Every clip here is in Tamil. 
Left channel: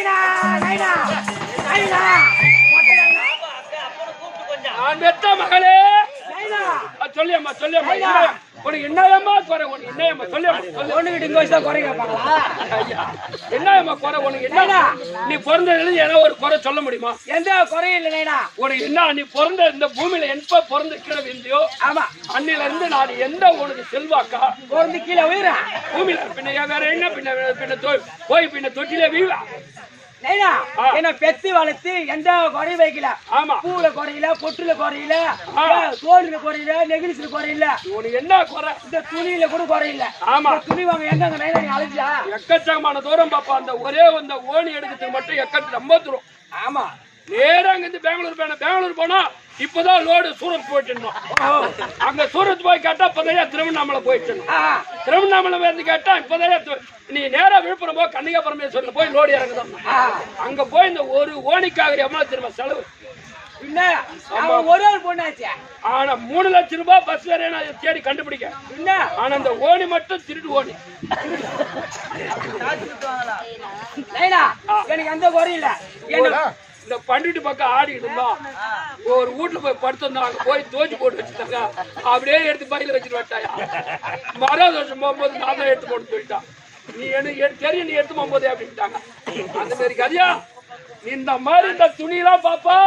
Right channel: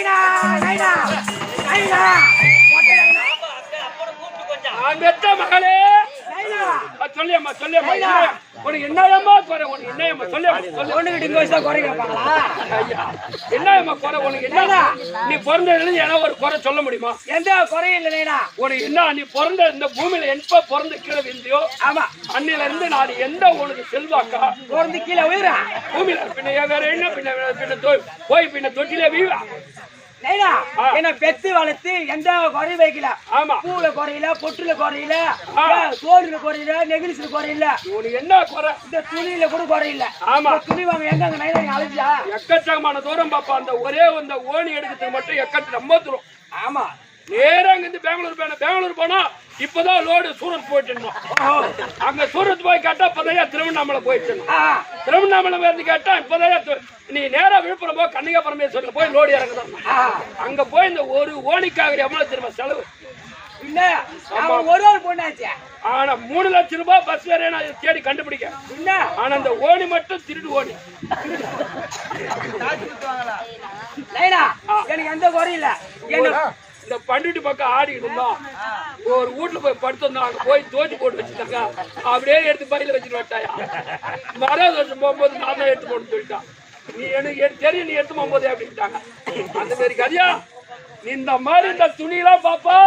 நைனா நைனா நைனா மகளே நைனா சொல்லியம்மா உனக்கு என்னையம்மா குறை உனக்கு என்னையம்மா சொல்லியம்மா ஒண்ணுகிட்ட இங்க வச்சுதான் குறை கேட்பாங்களா ஐயா என்னையம்மா குறை உனக்கு என்ன நீ பிறந்ததுல ஏன்னா ஒரு குறை சொல்ல முடியுமா எந்த குறையும் இல்லை நைனா உனக்கு என்ன நீ பிறந்த இந்த பூமியில எப்ப பிறந்துக்கிறது இல்லையோ ஆமா அன்னில இருந்து நான் எந்த உனக்கு செல்வாக்கா பிறந்து கீழே உயிரா பூமியில பின்ன வேற என்ன பின்ன போய் பின்ன தொட்டிலே வீழா நைனா என்ன பெத்து வளர்த்து எந்த குறையும் வைக்கல ஆமா பூல குறையில பொட்டுல குறையில தோல்ல குறையில நெகிழ்ச்சில குறையில உனக்கு என்ன குறை இந்த துணியில கூட குறையில ஆமா துணி வாங்க எங்க நைனா நீ அழைச்சா எக்கச்சக்கமான தூரம் பாப்பா அந்த ஒரே அந்த ஓனி எடுக்கிறதுக்கு மட்டும் ரொம்ப தூரம் ஆமா நேரா இங்க இருந்து பெங்களூர் போனா இப்பதான் லோடு சூரத் போயிட்டு அங்க சூரத் போய் கேட்டா இப்பதான் திருவண்ணாமலை போயிட்டு திருவண்ணாமலை வந்து கேட்டா இப்பதான் நீ நேரா விழுப்புரம் போ கன்னிகா பரமேஸ்வரர் போய் லோடு இறங்குதான் அங்க போய் இந்த ஒரு ஓனிக்காக எவ்வளவு திரும்ப செலவு இல்ல ஒரு ஆள் பொண்ணாச்சு ஆனா 3 லட்சம் ரூபாய் பஸ் வேற நான் தேடி கண்டுபிடிக்க என்ன ஆனா அந்த ஓனி மட்டும் திருடு ஓனி எனக்கு எந்த குறையும் இல்ல இந்த பண்டிட்டு பக்கம் ஆடி இருந்தோம் ஒரு வீட்டுல போய் படுத்திருந்தோம் அங்க போய் தோச்சி போட்டு வச்சுட்டாங்க அப்படியே எடுத்து பையில வச்சுட்டு வட்டாயா மரம் வருஷம் போகும்போது நான் தான் எடுத்து போட்டு சொல்லிட்டான் நீ எனக்கு தெரியும் நீ எடுத்து போகும்போது அப்படின்ட்டாங்க அந்த மாதிரி கதையா நீ இந்த மாதிரி இந்த துணியெல்லாம் பாப்பா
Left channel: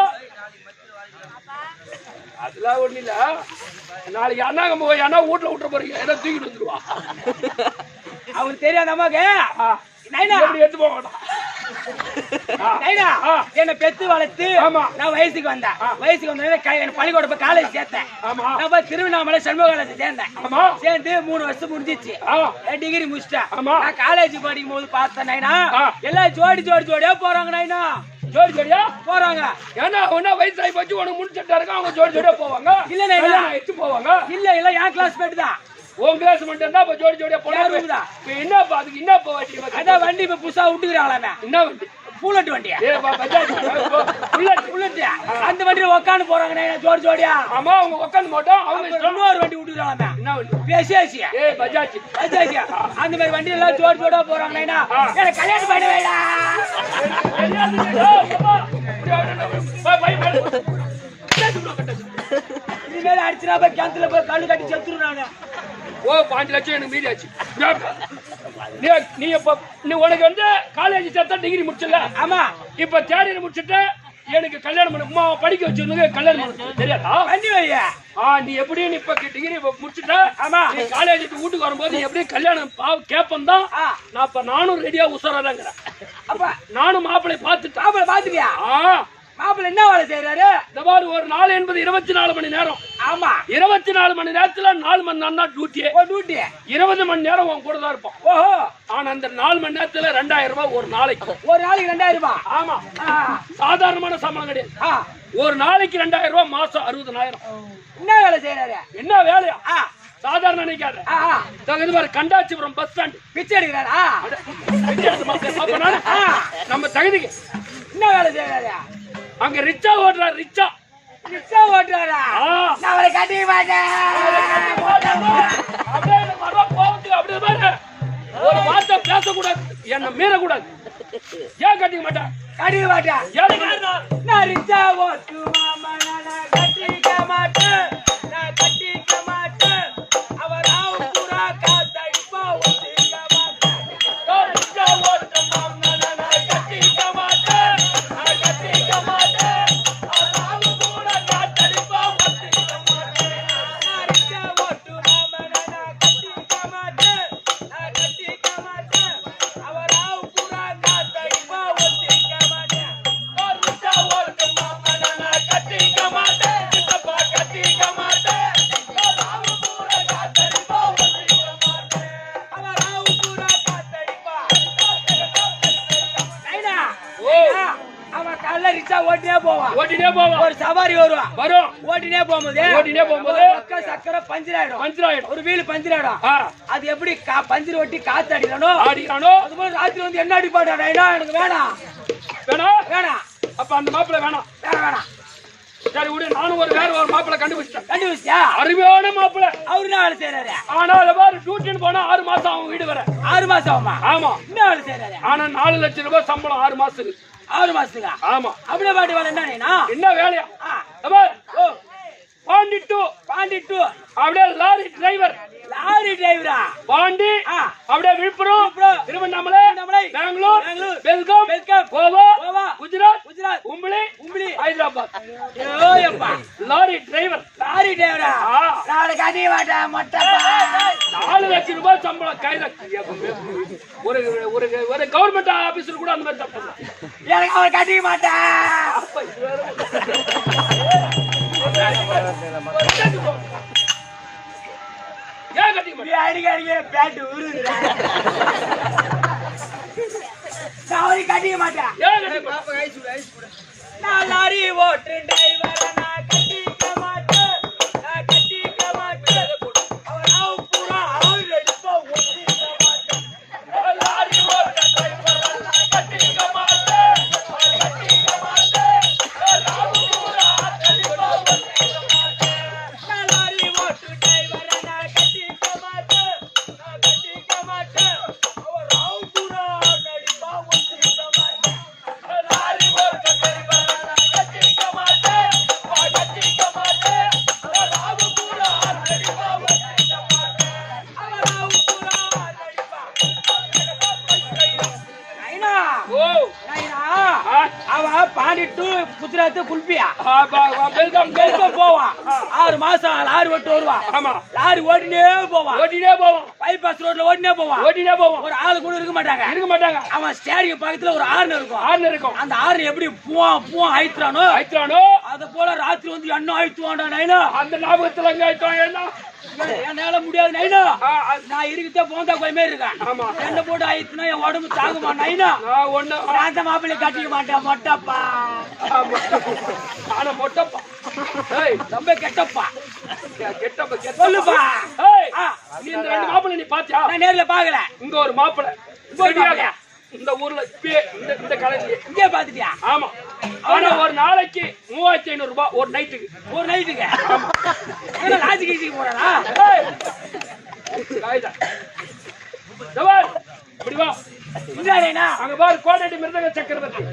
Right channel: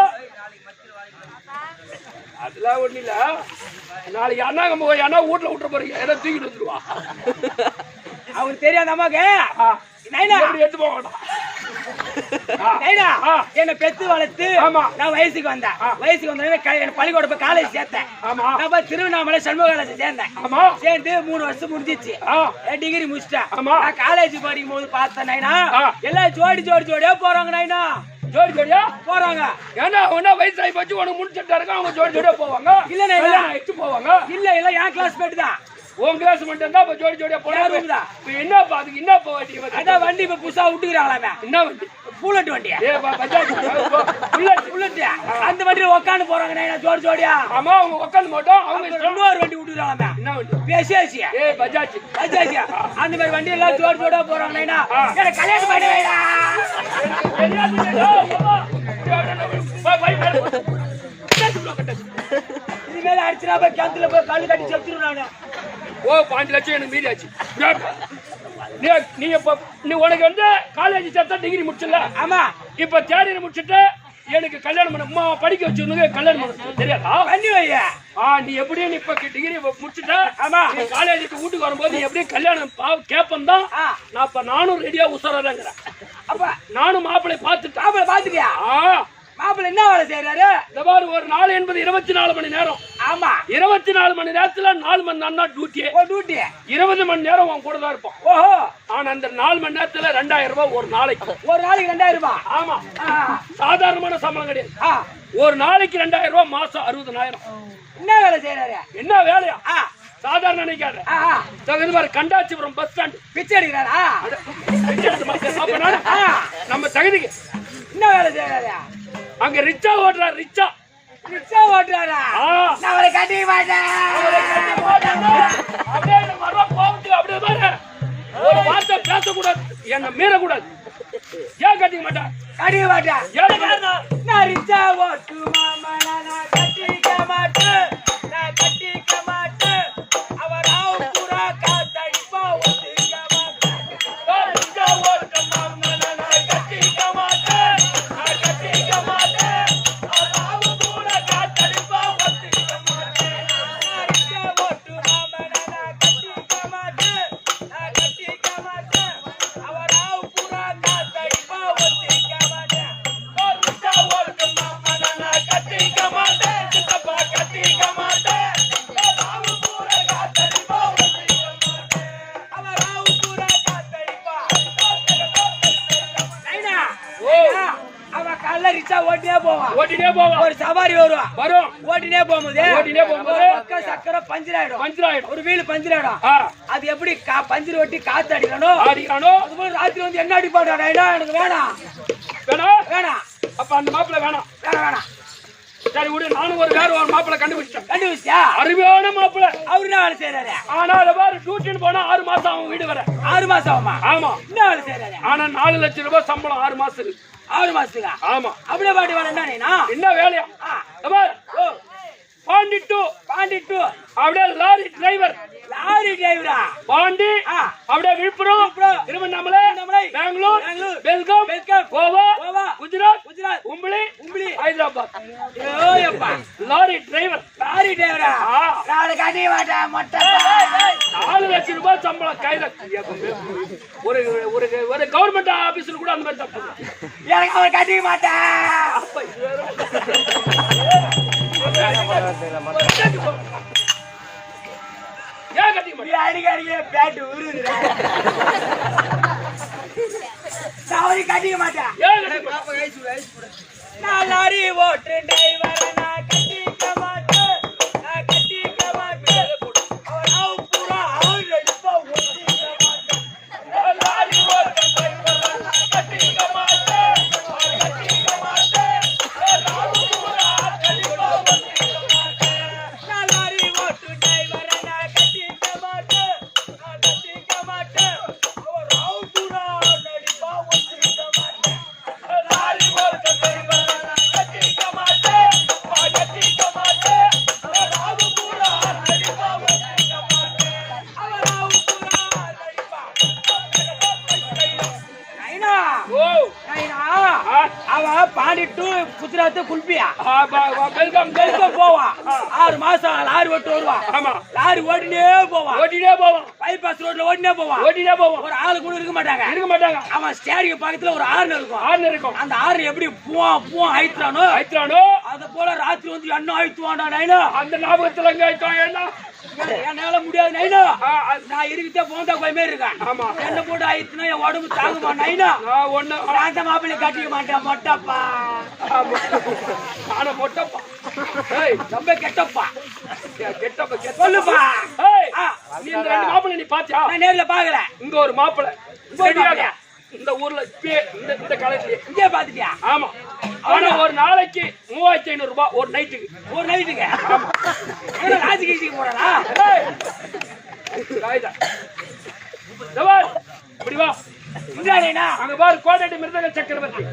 அதெல்லாம் ஒண்ணு இல்ல நாளைக்கு அண்ணா வீட்டுல விட்டுற போறீங்க ஏதோ தூக்கிட்டு வந்துருவா அவருக்கு தெரியாத அம்மாக்கு எடுத்து போக வேண்டாம் என்ன பெத்து வளர்த்து நான் வயசுக்கு வந்தேன் வயசுக்கு வந்த பள்ளிக்கூட போய் காலேஜ் சேர்த்தேன் நான் திருவண்ணாமலை சண்முக காலேஜ் சேர்ந்தேன் சேர்ந்து 3 வருஷம் முடிஞ்சிச்சு டிகிரி முடிச்சிட்டேன் நான் காலேஜ் படிக்கும் போது பார்த்தேன் நைனா எல்லாம் ஜோடியா போறாங்க நைனா ஜோடியா போறாங்க ஏன்னா ஒன்னா வயசாகி போச்சு உனக்கு முடிச்சுட்டா இருக்க அவங்க ஜோடியா போவாங்க இல்ல நைனா எடுத்து போவாங்க இல்ல என் கிளாஸ் மேட் தான் உன் கிளாஸ் மட்டும் தான் இப்ப ஜோடியா போனா என்னப்பா அதுக்கு என்னப்பா வண்டி அதான் வண்டி இப்ப புதுசா விட்டுக்கிறாங்களா என்ன வண்டி புல்லட் வண்டியா புல்லட் அந்த வண்டியில உட்காந்து போறாங்க ஜோடியா ஆமா அவங்க உட்காந்து போட்டோம் அவங்க இன்னொரு வண்டி விட்டுக்கிறாங்க என்ன வண்டி பேசியா பஜாஜ் அந்த மாதிரி வண்டி எல்லாம் ஜோடியா போறாங்க எனக்கு கல்யாணம் பண்ணி வேடா இனிமேல அடிச்சுனா போய் கிணத்துல போய் கல்லு கட்டி செத்துருவாங்க 5 லட்சம் எனக்கு மீதியாச்சு நீ உனக்கு வந்து காலேஜ் சேர்த்தா டிகிரி முடிச்சல ஆமா இப்ப தேர்ட் முடிச்சுட்டு எனக்கு கல்யாணம் பண்ண படிக்க வச்சிருந்தது கல்யாணம் பண்ண தெரியாதா பண்ணி வையா நீ எப்படியும் இப்ப டிகிரி முடிச்சுட்ட ஆமா நீ காலேஜுக்கு வீட்டுக்கு வரும்போது நீ எப்படியும் கல்யாணம் கேப்பன் தான் நான் இப்ப நானும் ரெடியா உசாராதாங்கிறேன் அப்ப நானும் மாப்பிள்ளை பாத்துட்டியா மாப்பிள்ள என்ன வேலை செய்யறாரு இந்த மாதிரி ஒரு நாள் என்பது 24 மணி நேரம் ஆமா 24 மணி நேரத்துல 4 மணி நேரம் தான் டியூட்டி 20 மணி நேரம் உன் கூட தான் இருப்போம் ஓஹோ ஆனா அந்த 4 மணி நேரத்துல 2000 ரூபாய் ஒரு நாளைக்கு 2000 ரூபாய் ஆமா சாதாரணமான சம்பளம் கிடையாது ஒரு நாளைக்கு 2000 ரூபாய் மாசம் 60000 என்ன வேலை செய்யறாரு என்ன வேலையா சாதாரண நினைக்காத கண்டாச்சிபுரம் பஸ் ஸ்டாண்ட் பிச்சை அடிக்கிறாரா நம்ம தகுதிக்கு என்ன வேலை செய்யறாரு அங்க ரிச்சா ஓட்டுறாரு ரிச்சா ஓட்டுறாரா நான் அவரை கட்டிக்க மாட்டேன் அப்படியே ஒரு வார்த்தை பேசக்கூடாது என்ன மீறக்கூடாது ஏன் கட்டிக்க மாட்டேன் நான் ரிச்சா ஓட்டு மாமா நான் கட்டிக்க மாட்டேன் அவர் பூரா காத்தடிப்பா ஒத்துக்க மாட்டேன் ரிச்சா ஓட்டு மாமா நான் கட்டிக்க மாட்டேன் ஓட்டினே போவா ஒரு சவாரி வரும் ஓட்டினே போகும்போது சக்கரை பஞ்சர் ஆயிடும் ஒரு வீல் பஞ்சர் ஆயிடும் அது எப்படி பஞ்சர் ஓட்டி காத்து அடிக்கணும் அது போல ராத்திரி வந்து என்ன அடிப்பாடா எனக்கு வேணாம் அப்ப அந்த மாப்பிள்ள வேணாம் சரி விடு, நானும் வேற ஒரு மாப்பிள்ளை கண்டுபிடிச்சேன். கண்டுபிடிச்சா அருமையான மாப்பிள்ளை. அவரு என்ன வேலை செய்யறாரு? ஆனா அதை பாரு, டியூஷன் போனா 6 மாசம் அவன் வீடு வர. 6 மாசம் ஆகுமா? ஆமா. என்ன வேலை செய்யறாரு? ஆனா 4 லட்சம் ரூபாய் சம்பளம் 6 மாசத்துக்கு. 6 மாசத்துக்கா? ஆமா. அப்படியே பாட்டி வேலை என்ன வேலையா? பாண்டி டூ அப்படியே லாரி டிரைவர். பாண்டி அப்படியே விழுப்புரம், திருவண்ணாமலை, பெங்களூர், பெல்காம், கோவா, குஜராத், உம்பளி, ஹைதராபாத். Lorry driver. 4 லட்சம் ரூபாய் சம்பளம் கையில. ஒரு கவர்மெண்ட் ஆபீஸ்ல கூட அந்த மாதிரி தப்பு கட்டிக்க மாட்டேன். ஏன் கட்டிக்க மாட்டேன்? அடிக்க பேட்டு உருதுடா. நான் கட்டிக்க மாட்டேன். நான் லாரி ஓட்டு டிரைவர், நான் கட்டிக்க மாட்டேன். அவர் பூரா அவர் எடுப்பா ஒட்டிக்க மாட்டேன். லாரி ஓட்டு டிரைவர், நான் கட்டிக்க மாட்டேன். நான் லாரி ஓட்டு டிரைவர், நான் கட்டிக்க மாட்டேன். அவர் பூரா நடிப்பா ஒட்டிக்க மாட்டேன். லாரி ஓட்டு டிரைவர், நான் கட்டிக்க மாட்டேன். பாண்டி டு குஜராத் குல்பியா பெல்காம் போவான். 6 மாசம் லாரி ஓட்டு வருவான். ஆமா. லாரி ஓட்டினே போவான். பைபாஸ் ரோட்ல ஓட்டினே போவான். ஒரு ஆளு கூட இருக்க மாட்டாங்க. அவன் ஸ்டேரிங் பக்கத்துல ஒரு ஆறு இருக்கும். அந்த ஆறு எப்படி பூவா ஆயிடுறானோ அது போல ராத்திரி வந்து என்ன ஆயிடுவான்டா நைனா. அந்த ஞாபகத்துல எங்க ஆயிட்டோம்? என்ன என்னால முடியாது நைனா. நான் இருக்கிட்டே போந்தா கோயமே இருக்கேன். என்ன போட்டு ஆயிடுச்சுன்னா என் உடம்பு தாங்குமா நைனா. அந்த மாப்பிள்ளை கட்டிக்க மாட்டேன். மொட்டப்பா. ஆனா மொட்டப்பா ரொம்ப கெட்டப்பா. சொல்லுப்பா. நீ இந்த 2 மாப்பிள்ளை நீ பாத்தியா? நான் நேர்ல பாக்கல. இங்க ஒரு மாப்பிள்ளை இந்த ஊர்ல இந்த காலேஜ்ல இங்கே பாத்துட்டியா? ஆமா. ஆனா ஒரு நாளைக்கு 3500 ரூபாய் ஒரு நைட்டுக்கு. ஆமா. ராஜகிரிக்கு போறானா? இப்படி வா. இந்தாடா அங்க பாரு, கோடேடி மிருதங்க சக்கரவர்த்தி.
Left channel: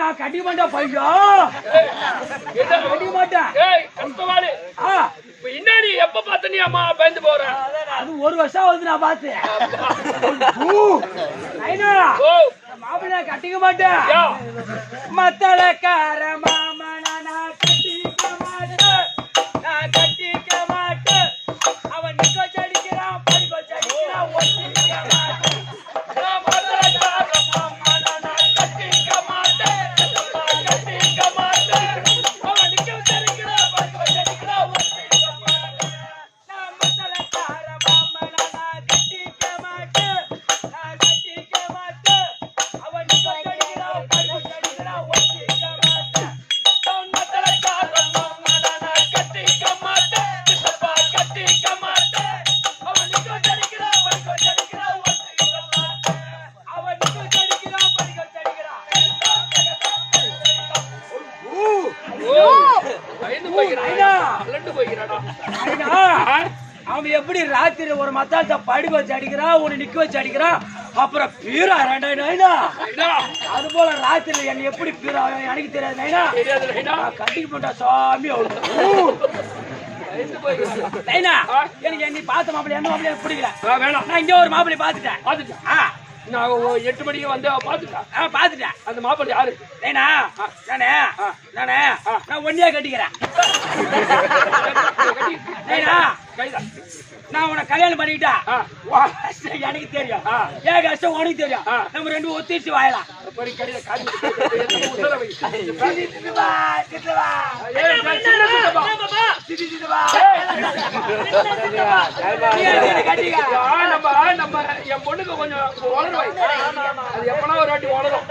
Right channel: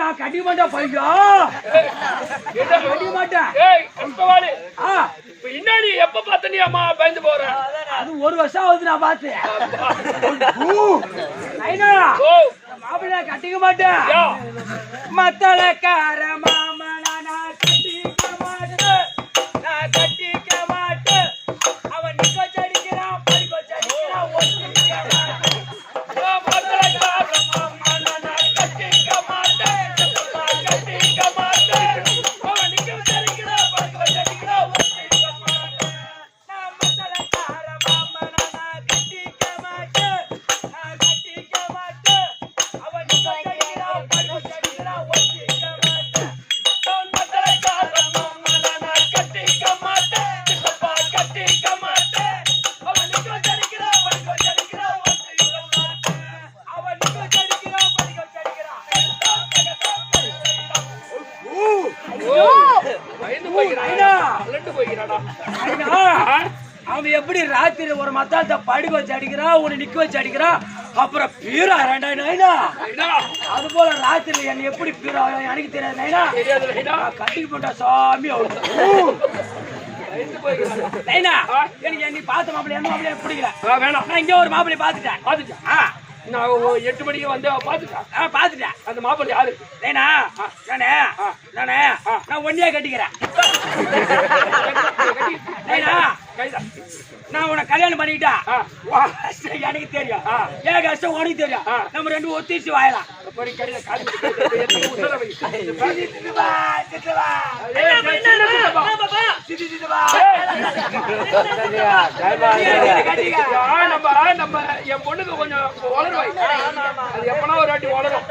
நான் கட்டிக்க மாட்டேன் பையா. கட்டிக்க மாட்டேன். பின்னாடி எப்ப பார்த்த நீ அம்மா பயந்து போற? அது 1 வருஷம் ஆகுது நான் பார்த்து. மாப்பிள்ளை கட்டிக்க மாட்டேன். மத்தளக்கார மாமனா நான் கட்டிக்க மாட்டேன். அவன் நிக்க அடிக்கிறான், படிக்க அடிக்கிறான், ஒட்டிக்க மாட்டேன். அவன் எப்படி ராத்திரி ஒரு மத்தாத்த படுக்க வச்சு அடிக்கிறான், உன்னை நிக்க வச்சு அடிக்கிறான், அப்புறம் பீரா நைனா. அது போல ராத்திரி என்ன எப்படி பீரா எனக்கு தெரியாது நைனா. கட்டிக்கு போட்டா சாமி நைனா. எனக்கு நீ பார்த்த மாப்பிள்ளை எந்த மாப்பிள்ளைய பிடிக்கல. வேணாம், நான் இங்க ஒரு மாப்பிள்ளை பாத்துட்டேன். நான் 8 மணிக்கு வந்து பாத்துட்டேன். அந்த மாப்பிள்ளை யாரு? நைனா நான் ஒன்னியா கட்டிக்கிறேன். நான் உன்னை கல்யாணம் பண்ணிக்கிட்டா எனக்கு தெரியும், ஏன் கஷ்டம் உனக்கு தெரியும். நம்ம 2 ஒத்திச்சு வாயலாம். நம்ம என் பொண்ணுக்கு கொஞ்சம் வளரும் அது எப்பனா ஒரு வாட்டி வளரும்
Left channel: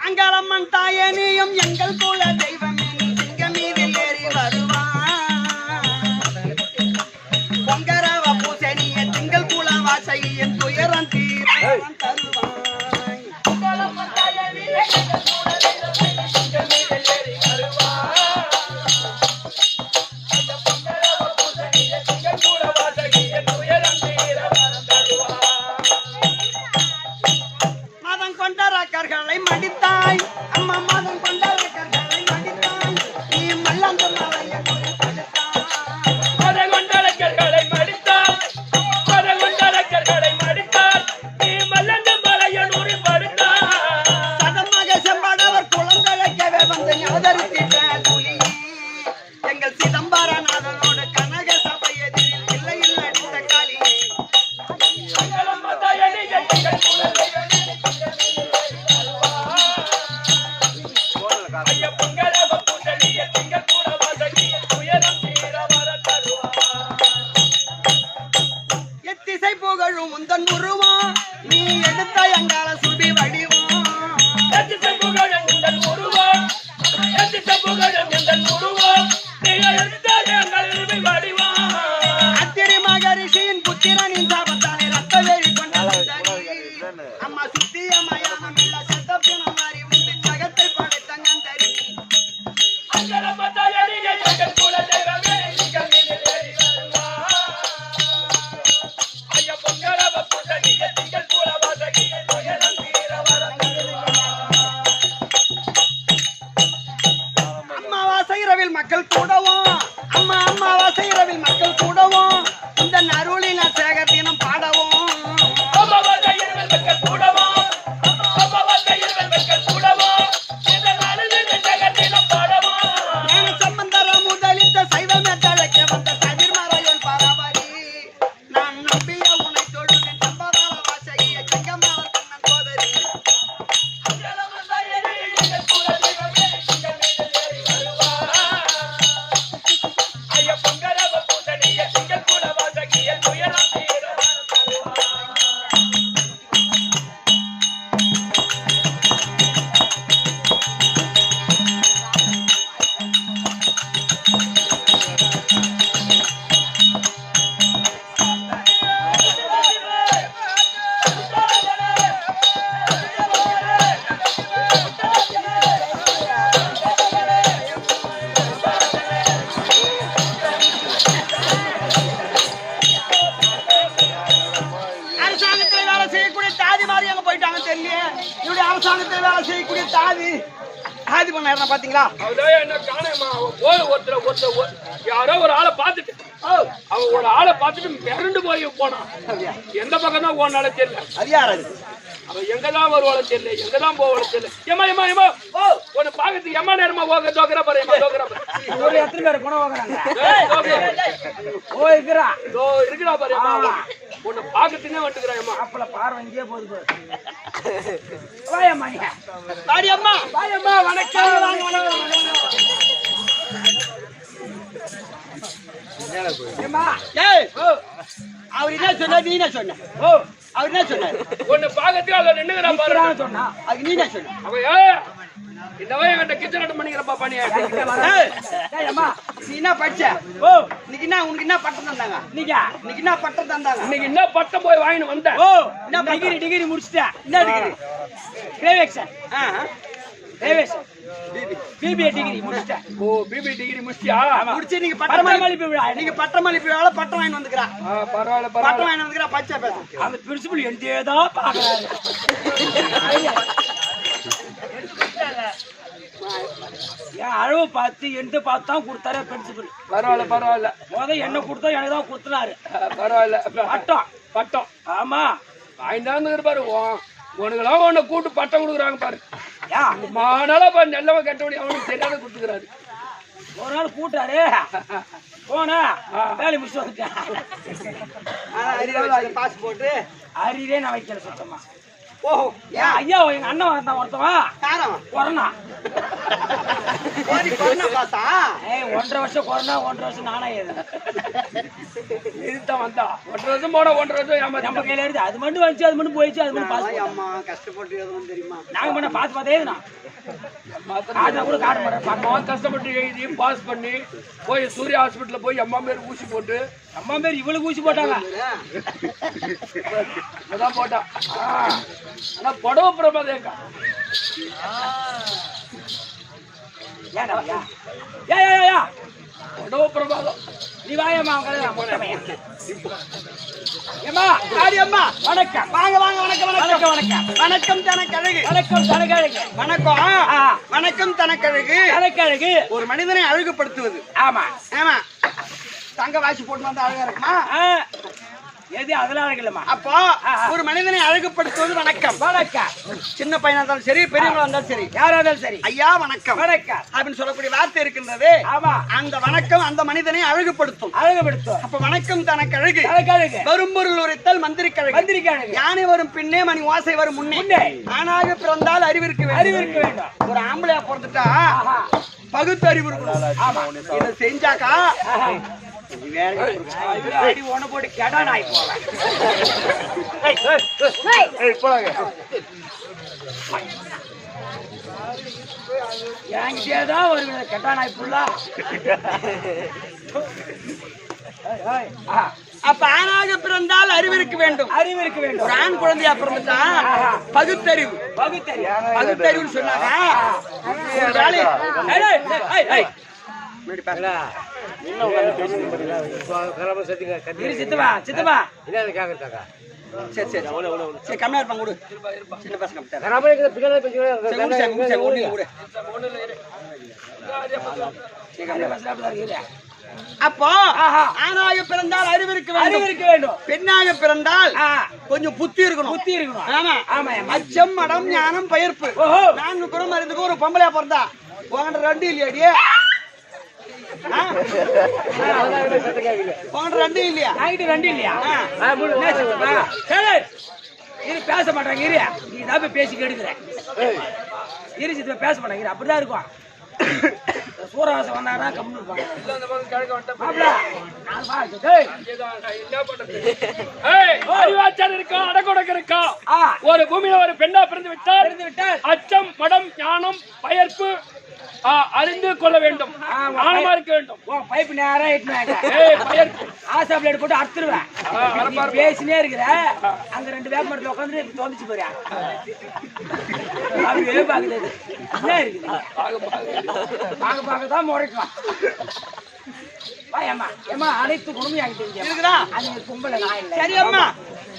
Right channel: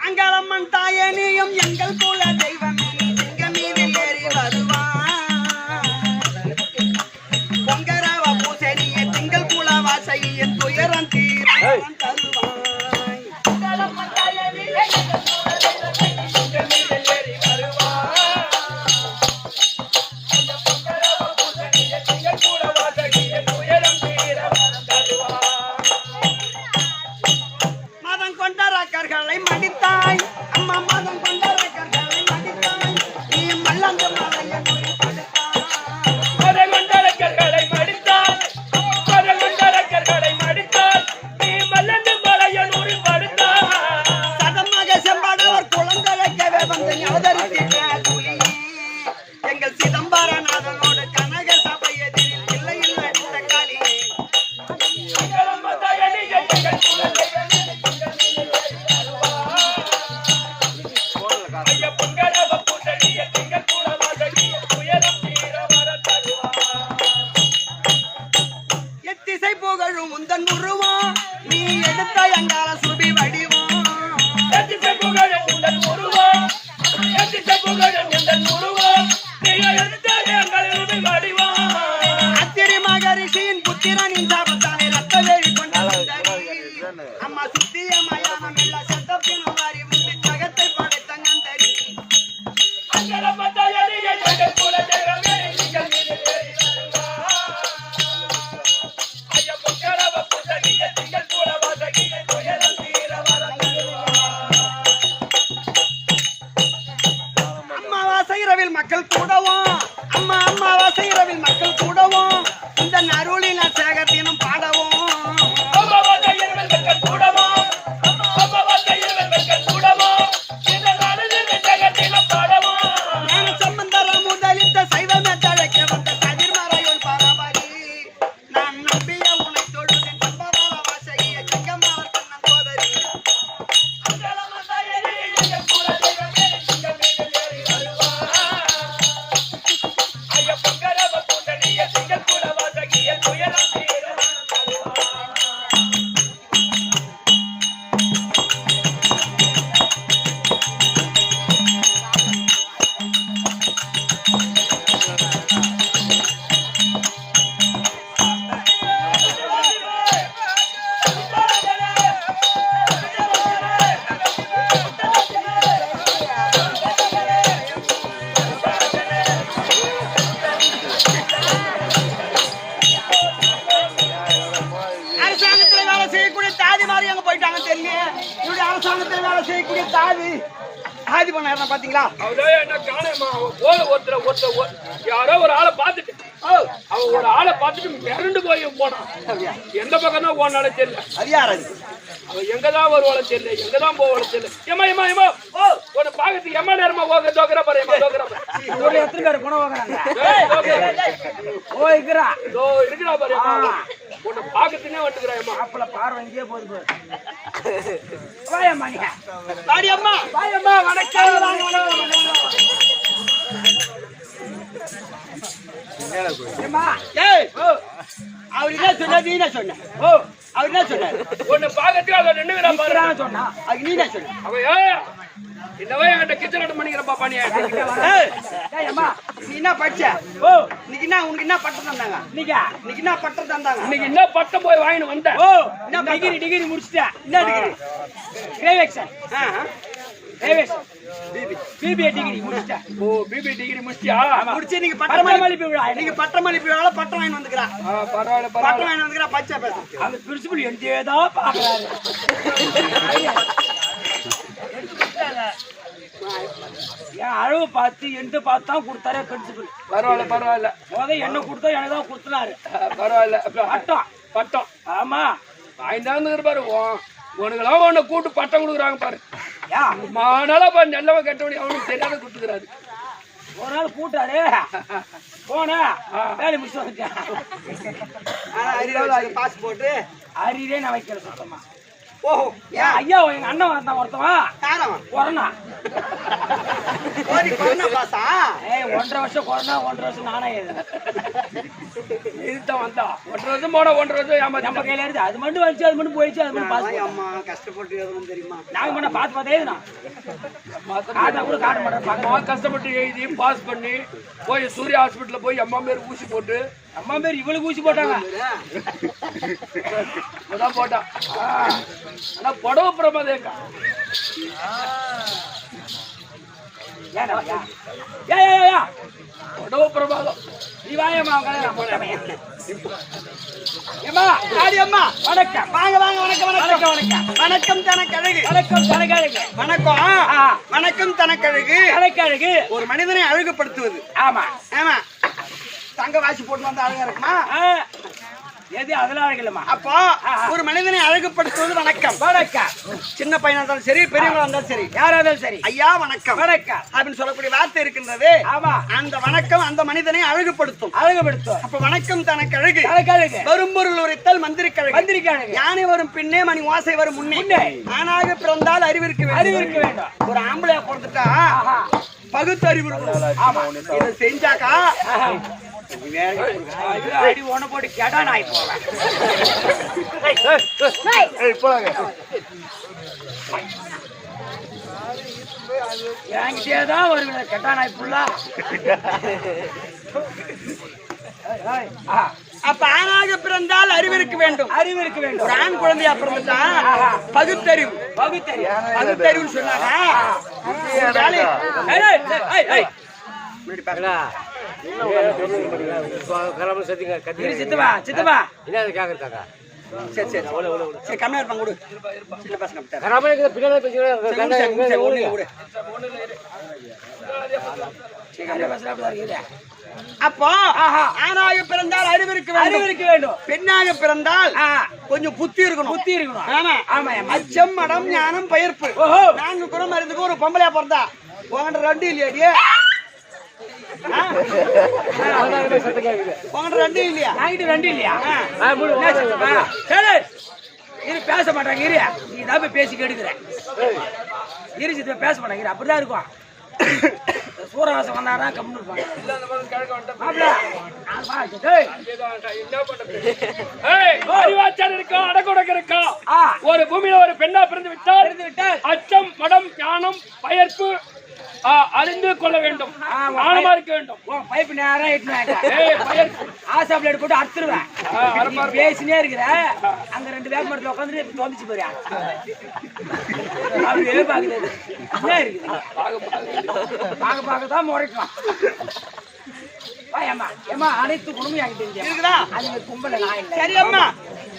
அங்காளம்மன் தாயே நீயும் எங்கள் குல தெய்வமே நீ திங்க மீதில் ஏறி வருவாய் பொங்கரவ பூசணிய திங்கள் குல வாசகியின் துயரம் தீரம் தருவாய் அங்காளம்மன் தாயே நீயும் எங்கள் குல தெய்வமே நீ திங்க மீதில் ஏறி வருவாய் அந்த பொங்கரவ பூசணிய திங்கள் குல வாசகியின் துயரம் தீரம் தருவாய் மதம் கொண்ட ரக்கர்களை மடித்தாய் அம்மா மதம் கொண்ட ரக்கர்களை மடித்தாய் நீ மல்லந்து மலையை படுத்தாய் மதம் கொண்ட ரக்கர்களை மடித்தாய் மதம் கொண்ட ரக்கர்களை மடித்தாய் நீ மல்லந்து மலையை படுத்தாய் சதமாக செம்பாடவர் குழந்தைக்கவே வந்து ஞாபகத்திட்ட துளியே எங்கள் சிதம்பரநாதனோடு கனக சபை எதிரில் இல்லையில் நடித்த காளியே எத்திசை புகழும் முந்தன் உருவம் நீ எடுத்த எங்கால சுபி வடிவம் அத்திரி மகரிஷியின் புத்திரனின் சாபத்தாலே ரத்த வேலி கொண்ட சுந்தரி அம்மா சுத்திய மயானம் இல்ல சத்தப்பினம் வாரி வந்து ஜகத்தை படைத்த நந்தரி அம்மாவாசை இரவில் மக்கள் கூடவும் அம்மாவாசை இரவில் மக்கள் கூடவும் இந்த நருளின சேகத்தினம் பாடவும் சம்பந்தர முதலித்த சைவமே தழைக்க வந்த சதிர்மறையோன் பாராபரி நான் நம்பிய உனை தொழுதேன் சம்பவர வாசகிய செங்கமாவர் கண்ணன் சோதரி அரசாங்கத்தில் வேலை செய்யக்கூடிய தாதி மாதிரி அங்க போயிட்டாங்க தெரியல இவருடைய அரசாங்கத்தில் வேலை செய்யக்கூடிய தாதி பண்ண பாத்தீங்களா அவதான் என்ன காணமா போல ஒருத்தர் யாரோ ஒரு ஆளை பார்த்துட்டு அவன் ஒரு ஆளை பார்த்துட்டு மிரண்டு போய் போனான் எந்த பக்கம் தான் போனால தெரியல அது யாரு அவன் எங்கதான் வருவாள தெரியல எங்கதான் போவாள தெரியல ஏமா ஓ உன்னை பாக்கிறதுக்கு எம்மா நேரமா போக தோக்குற பாரு ஒரு எத்தனை பேர் குணம் வாங்குறாங்க ஓ இருக்கிறா இருக்கிறா பாரு உன்னை பாக்கிறதுனே வந்துக்கிறாயம்மா அப்பல பார்வை இங்கே போகுது வாயம்மா நீ வாடியம்மா வாயம்மா வணக்கம் அவர் என்ன சொன்ன நீ என்ன சொன்ன ஓ அவர் என்ன சொன்னாரு உன்னை பாக்கிறதுக்கு அவன் நின்னுக்கிறான் பாரு சொன்னா அது நீ என்ன சொன்ன அவன் என்னவே என்கிட்ட கிச்சன் பண்ணிக்கிறப்பா பண்ணி நீ என்ன படிச்ச ஓ இன்னைக்கு என்ன உனக்கு என்ன பட்டம் தந்தாங்க இன்னைக்கு என்ன பட்டம் தந்தாங்க இன்னைக்கு என்ன பட்டம் போய் வாங்கிட்டு வந்தேன் ஓ என்ன டிகிரி முடிச்சிட்டேன் என்ன டிகிரி கிரேவேக்ஷன் கிரேவேக்ஷன் பிபிஏ டிகிரி முடிச்சிட்டேன் ஓ பிபி டிகிரி முடிச்சியா முடிச்சு நீங்க பட்டமளிப்பு விழா நீங்க பட்டமளிப்பு விழால பட்டம் வாங்கி வந்துக்கறா பரவாயில்லை பட்டம் வாங்கி வந்துக்கறா பச்சை பேச அந்த பிரின்சிபல் எங்கேதா பாக்குறாரு என் அளவு பார்த்து எந்த பார்த்து தான் கொடுத்தாரு பிரின்சிபல். பரவாயில்ல பரவாயில்ல. என்ன கொடுத்தா எனக்கு தான் கொடுத்துனாரு. பரவாயில்ல. பட்டம் பட்டம். ஆமா வாய்ந்தான்னு பாரு. உனக்கெல்லாம் உன்னை கூட்டு பட்டம் கொடுக்குறாங்க பாரு. யா மானால பாரு நல்லவன் கட்டவனி அவனுக்கு தெரியாத கொடுத்துக்கிறாரு. ஒரு நாள் கூட்டாரு போனா வேலை முடிச்சு வந்துட்டேன். பாஸ் போட்டு அறிவே நான் வைக்கல சுத்தமா. ஓஹோ ஐயா எங்க அண்ணன் வந்தான் ஒருத்தவன் கொரோனா. பாசா 1.5 வருஷம் கொரோனா 1.5 வருஷம் நானா இதுதான் வந்தா 1.5 வருஷம் போனா 1.5 வருஷம் நம்ம கையில இருந்து அது மட்டும் வந்துச்சு அது மட்டும் போயிடுச்சு அது மட்டும் பாஸ். அம்மா கஷ்டப்பட்டு எதுவும் தெரியுமா? நாங்க பண்ண பார்த்து பார்த்தே கூட காட்ட மாட்டேன். கஷ்டப்பட்டு எழுதி பாஸ் பண்ணி போய் சூர்யா ஹாஸ்பிட்டல்ல போய் அம்மா பேர் ஊசி போட்டு அம்மா பேர் இவளுக்கு ஊசி போட்டாங்க. அதான் போட்டான். ஆனா புடவை பிரமாதேக்கா புடவை பிரமாதம். நீ வாயம்மா ஏமா ஆடி அம்மா வணக்கம். வாங்க வாங்க வணக்கம் வணக்கம் வணக்கம் வணக்கம் தனக்கழகு. வணக்கம் தனக்கழகு. வணக்கம் வணக்கம் தனக்கழகு. தனக்கழகு ஒரு மனிதனை அழகுபடுத்துவது. ஆமா ஆமா தங்க வாசி போட்டு வந்தா அழகா இருக்குமா? எது அதெல்லாம் அழகில்லமா. அப்போ ஒரு மனிதனை அழகுபடுத்துவது வணக்கம். வணக்கம். சின்ன பையனா இருந்தாலும் சரி பெரியவங்களா இருந்தாலும் சரி யாரா இருந்தாலும் சரி ஐயா வணக்கம் வணக்கம் அப்படின்னு சொல்லக்கூடிய வார்த்தை இருக்கின்றது. ஆமா அந்த வணக்கம் அந்த மனிதனை அழகுபடுத்தும். அழகுபடுத்தும். அப்ப வணக்கம் தனக்கு அழகு. தனக்கழகு. வரும் பொருள் உரைத்தல் மந்திரிக்கழகு. மந்திரிக்கழகு. யானை வரும் பின்னே மணி ஓசை வரும் முன்னே. ஆணாக பிறந்தால் அறிவிற்கு அறிவிற்கு வேண்டும். ஒரு ஆம்பளையா பிறந்துட்டா பகுத்து அறிவு இருக்கணும். ஆமா இதை செஞ்சாக்கா அடி ஒண்ணு போட்டு கெடா நாய் போவேன். எங்கேதான் வருவேன் கெட்டா நாய் புள்ளா. அப்ப ஆணாக பிறந்தால் அறிவிற்கு வேண்டும். அறிவிற்கு வேண்டும். ஒரு ஆண் குழந்தையா பிறந்துட்டா பகுத்தறிவு. பகுத்தறிவுன்னு சொன்னாங்க. ஒரு வேலையை சித்தப்பா சித்தப்பா சரி சரி சரி கம்மியா இருப்பாங்க கொடு. சின்ன பசங்க அப்போ ஆணாக பிறந்தால் அறிவிற்கு வேண்டும். பெண்ணாக பிறந்தால் கொஞ்சம் புத்தி இருக்கணும். புத்தி இருக்கணும். ஆமா ஆமா அச்சம் மடம் ஞானம் பயிர்ப்பு 4 குணம் அறிந்துக்கு ஒரு பொம்பளையா பிறந்தா உங்கள்கிட்ட 2 இல்லையாடியே? உங்கள்கிட்ட 2 இல்லையா? 2 இல்லையா? இது பேச மாட்டாங்க. இரு நீ தான் பேசி கெடுக்கிறேன். இரு சித்த பேச மாட்டாங்க. அப்படிதான் இருக்கும். சூரவாசம் வந்தாரா கம்மி ஒரு பூமியில ஒரு பெண்ணா பிறந்து விட்டால் அச்சம் மடம் ஞானம் பயிர்ப்பு அறிந்து கொள்ள வேண்டும். ஆழமா இருக்க வேண்டும். பைப்பு நேரம் ஆசா பிளேட் போட்டு அறுத்துருவேன். பேசினே இருக்கிற அங்க 2 வேப்ப மரத்துல உட்காந்துட்டு தோந்துச்சு போறியா? அப்படியே பாக்குறது என்ன இருக்குது? பார்க்கதான் முறைக்கலாம். ஏமா அனைத்து குடும்பம் என்கிட்ட இருக்குதா? அது கும்பல நான் இல்லை. சரி அம்மா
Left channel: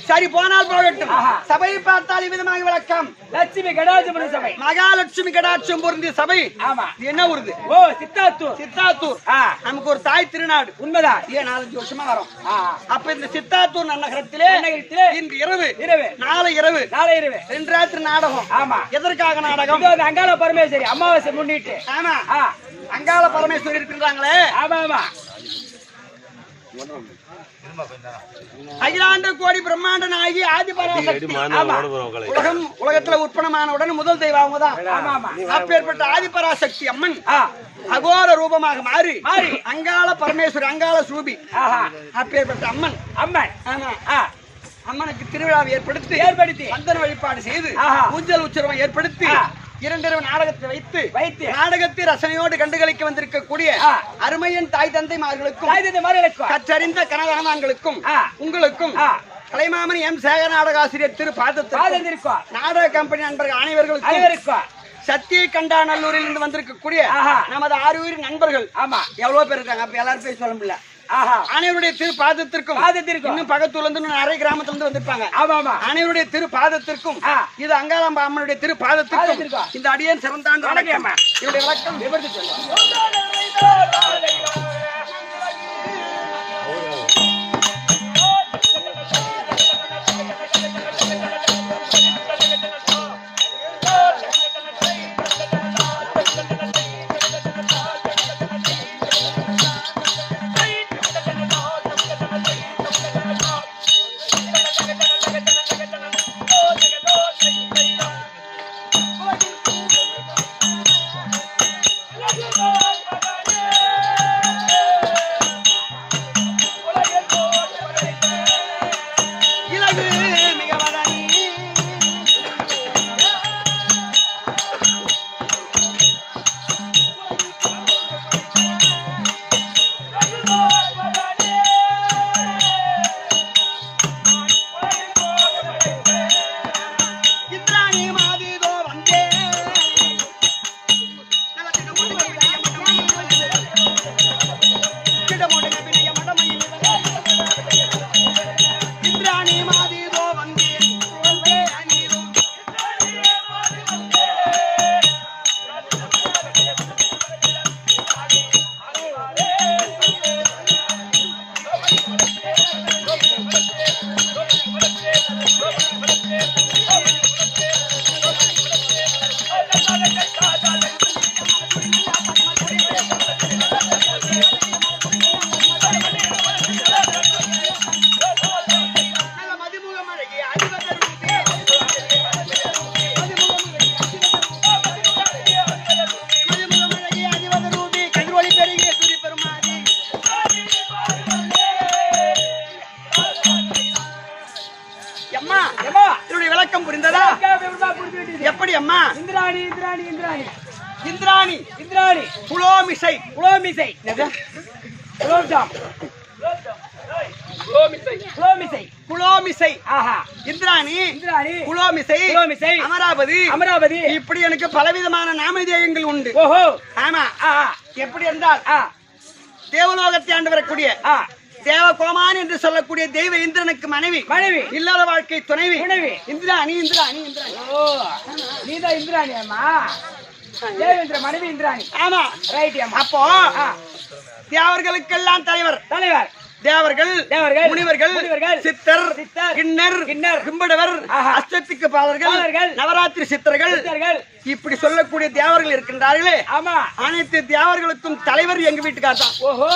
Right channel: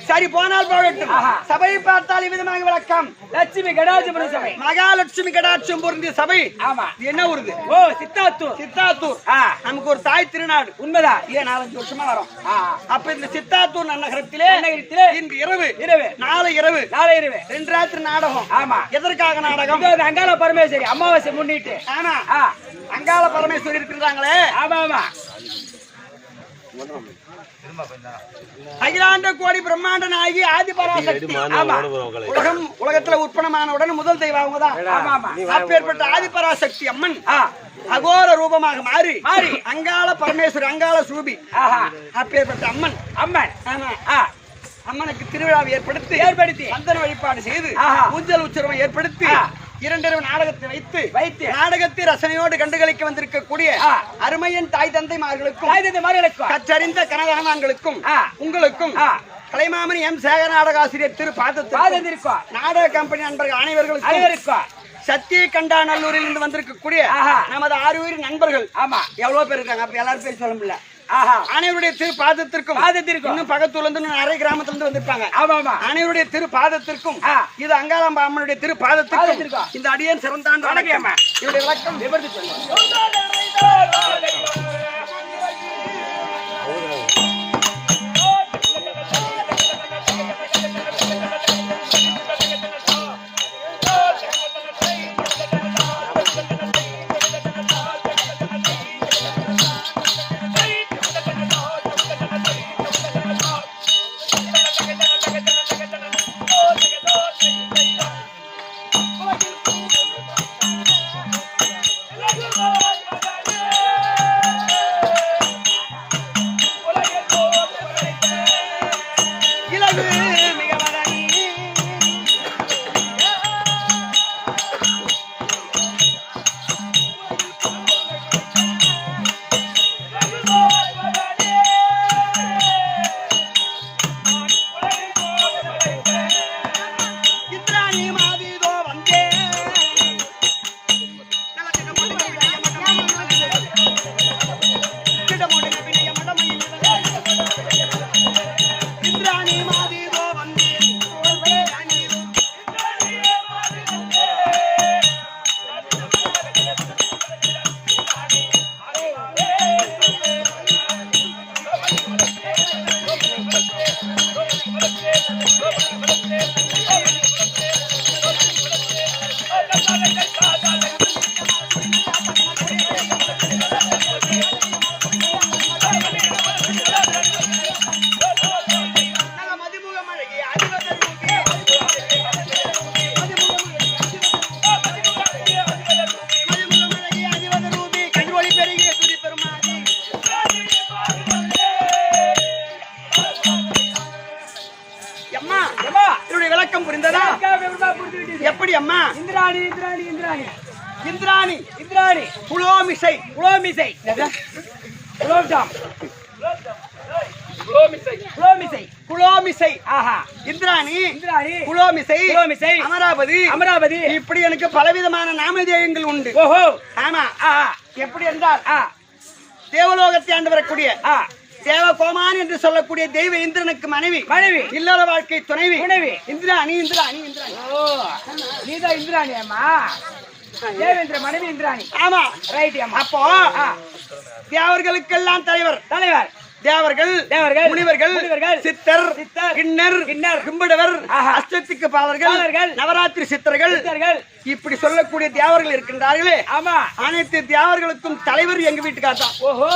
சரி போனால் போகட்டும். சபையை பார்த்தால் விதமாக விளக்கம். லட்சுமி கடாட்சம் சபை. மகாலட்சுமி கடாட்சம் பொருந்திய சபை. ஆமா இது என்ன ஊருது? ஓ சித்தாத்தூர். சித்தாத்தூர் நமக்கு ஒரு தாய் திருநாடு. உண்மைதான். 4-5 வருஷமா வரும். அப்ப இந்த சித்தாத்தூர் நகரத்திலே இன்று இரவு நாளை இரவு 2 ராத்திரி நாடகம். ஆமா எதற்காக நாடகம்? அங்காள பரமேஸ்வரி அமாவாசை முன்னிட்டு. ஆமா அங்காள பரமேஸ்வரி இருக்கின்றாங்களே. ஆமா ஆமா அகிலாண்ட கோடி பிரம்மாண்ட நாயகி ஆதி பராசக்தி. உலகத்துல உற்பத்தமானவுடன் முதல் தெய்வம் அவங்கதான். அப்பேற்பட்ட ஆதி பராசக்தி அம்மன் அகோர ரூபமாக மாறி அங்காள பரமேஸ்வரி அங்காள சூபி அப்பேற்பட்ட அம்மன். ஆமா அம்மனுக்கு திருவிழாவை ஏற்படுத்தி சந்தன வழிபாடு செய்து ஊஞ்சல் உற்சவம் ஏற்படுத்தி 2 நாடகத்தை வைத்து நாடகத்தை ரசனையோடு கண்டுகளிக்க வந்திருக்கக்கூடிய அருமையின் தாய் தந்தைமார்களுக்கும் கற்றறிந்த கனகாமான்களுக்கும் உங்களுக்கும் கலைமாமணி எம் சேகர நாடகாசிரியர் திரு பாதத்திற்கும் நாடக கம்பெனி நண்பர்கள் அனைவர்களுக்கும் சத்திய கண்டாநல்லூரில் இருந்து வந்திருக்கக்கூடிய நமது 6 நண்பர்கள். ஆமா எவ்வளவு பேர் இருக்காங்க? அப்ப எல்லாரும் பேர் சொல்ல முடியல. அனைவருடைய திரு பாதத்திற்கும் இன்னும் பக்கத்துல இருந்து நிறைய கிராமத்துல இருந்து வந்திருப்பாங்க. அனைவருடைய திரு பாதத்திற்கும் இது அங்காளம்மா அம்மனுடைய திரு பாதத்திற்கும் இந்த அடியேன் சிறந்தாண்டு வணக்கம். இவருடைய விளக்கம் விவரித்து சொல்லுங்க. எப்படி அம்மா? இந்திராணி இந்திராணி இந்திராணி இந்திராணி இந்திராணி புலோமிசை புலோமிசை புலோம்ஜாம் புலோமிசை புலோமிசை ஆஹா இந்திராணி இந்திராணி புலோமிசை புலோமிசை அமராவதி அமராவதி இப்படி எனக்கு பலவிதமான நாமதேயங்கள் உண்டு. ஓஹோ ஆமா. எப்படி என்றால் தேவலோகத்தை ஆண்டு வரக்கூடிய தேவகோமான் என்று சொல்லக்கூடிய தெய்வ இந்திரனுக்கு மனைவி இல்லற வாழ்க்கை துணைவி இந்திராணி இந்திராணி இந்திராணி. ஓ நீதான் இந்திராணி அம்மா. தேவேந்திர மனைவி இந்திராணி. ஆமா ரைட் அம்மா. அப்போ தேவர்களுக்கெல்லாம் தலைவர் தலைவர் தேவர்கள் முனிவர்கள் சித்தர் கிண்ணர் கும்பிடவர் அஷ்டத்துக்கு பாலர்கள் நவராத்திரி சித்தர்கள் இப்படி சொல்லக்கூடிய தேவர்கள் இருக்கின்றார்களே. ஆமா. அனைத்து தேவர்களுக்கும் தலைவர் எங்க வீட்டுக்கார் தான். ஓஹோ.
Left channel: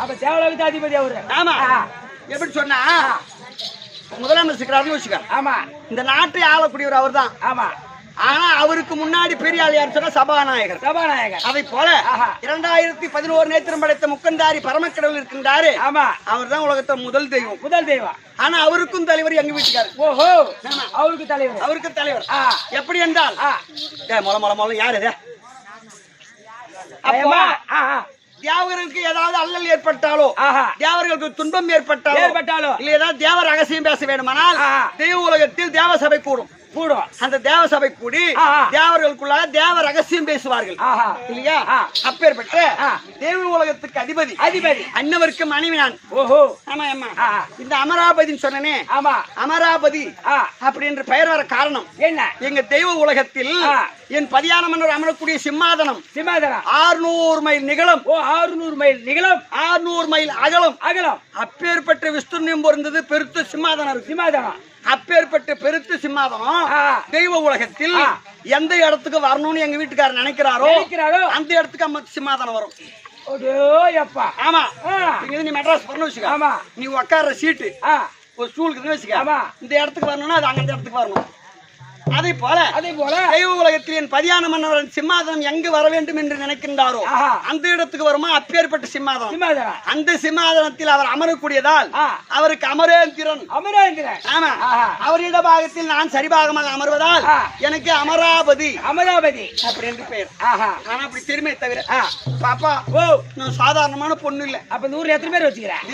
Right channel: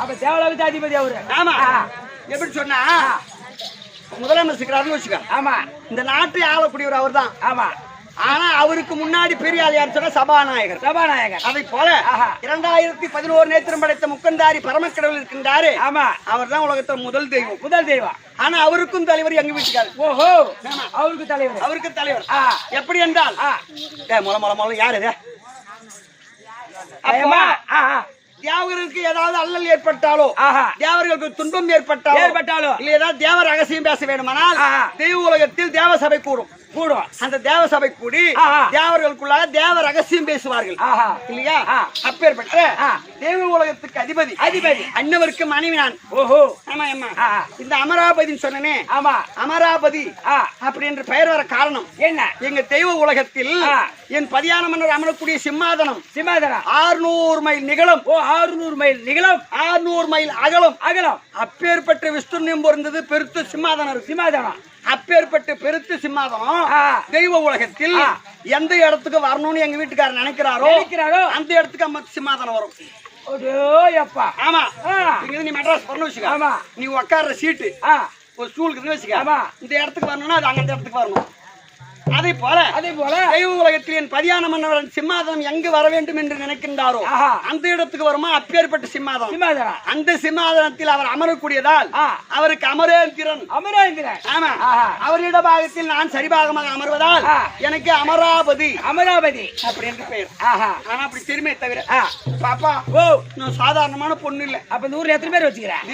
அப்ப தேவலோக அதிபதி அவரு. ஆமா. எப்படி சொன்னா முதலமைச்சர் வச்சுக்க. ஆமா. இந்த நாட்டை ஆளக்கூடியவர் அவர் தான். ஆமா. ஆனா அவருக்கு முன்னாடி பெரிய ஆள் யார் சொன்னா சபாநாயகர். அதை போல 2011 நேத்திரம் படைத்த முக்கந்தாரி பரமக்கடவுள் இருக்கின்றாரு. ஆமா. அவர் தான் உலகத்தை முதல் தெய்வம். ஆனா அவருக்கும் தலைவர் எங்க வீட்டுக்காரு. ஓஹோ. அவருக்கு தலைவர். எப்படி என்றால் மொல யாரு இது? தேவர்களுக்கு ஏதாவது அல்லல் ஏற்பட்டாலோ தேவர்களுக்கு துன்பம் ஏற்பட்டாலோ இல்ல ஏதாவது தேவ ரகசியம் பேச வேண்டுமானால் தெய்வ உலகத்தில் தேவ சபை கூடும். அந்த தேவ சபை கூடி தேவர்களுக்குள்ளாக தேவ ரகசியம் பேசுவார்கள் இல்லையா? அப்பேற்பட்ட தேவ உலகத்துக்கு அதிபதி அன்னவருக்கு மனைவி நான். ஓஹோ. ஆமா ஆமா. இந்த அமராபதி சொன்னனே. ஆமா. அமராபதி அப்படி என்று பெயர் வர காரணம் என்ன? எங்க தெய்வ உலகத்தில் என் பதியான மன்னர் அமரக்கூடிய சிம்மாதனம் 600 மைல் நிகழும். 600 மைல் நிகழும். 600 மைல் அகலம். அப்பேற்பட்ட விஸ்துர்ணியம் பொருந்தது பெருத்த சிம்மாதனம். அப்பேற்பட்ட பெருத்து சிம்மாதனம் தெய்வ உலகத்தில் எந்த இடத்துக்கு வரணும்னு எங்க வீட்டுக்காரர் நினைக்கிறாரோ அந்த இடத்துக்கு அம்மா சிம்மாதனம் வரும். ஆமா. நீ மெட்ராஸ் வரணும் வச்சுக்க. ஆமா. நீ உட்கார்ற சீட்டு ஒரு ஸ்டூலுக்கு வச்சுக்க. ஆமா. இந்த இடத்துக்கு வரணும்னா அது அந்த இடத்துக்கு வரணும். அதே போல தெய்வ உலகத்தில் என் பதியான மன்னவன் சிம்மாதனம் எங்கு வர வேண்டும் என்று நினைக்கின்றாரோ அந்த இடத்துக்கு வருமா அப்பேற்பட்ட சிம்மாதனம். அந்த சிம்மாதனத்தில் அவர் அமரக்கூடியதால் அவருக்கு அமரேந்திரன். ஆமா. அவர் இடபாகத்தில் நான் சரிபாகமாக அமர்வதால் எனக்கு அமராவதி அப்படி என்று பெயர். ஆனா அப்படி திரும்ப தவிர பாப்பா நான் சாதாரணமான பொண்ணு இல்ல. அப்ப 100 எத்தனை பேர் வச்சுக்கிறேன்?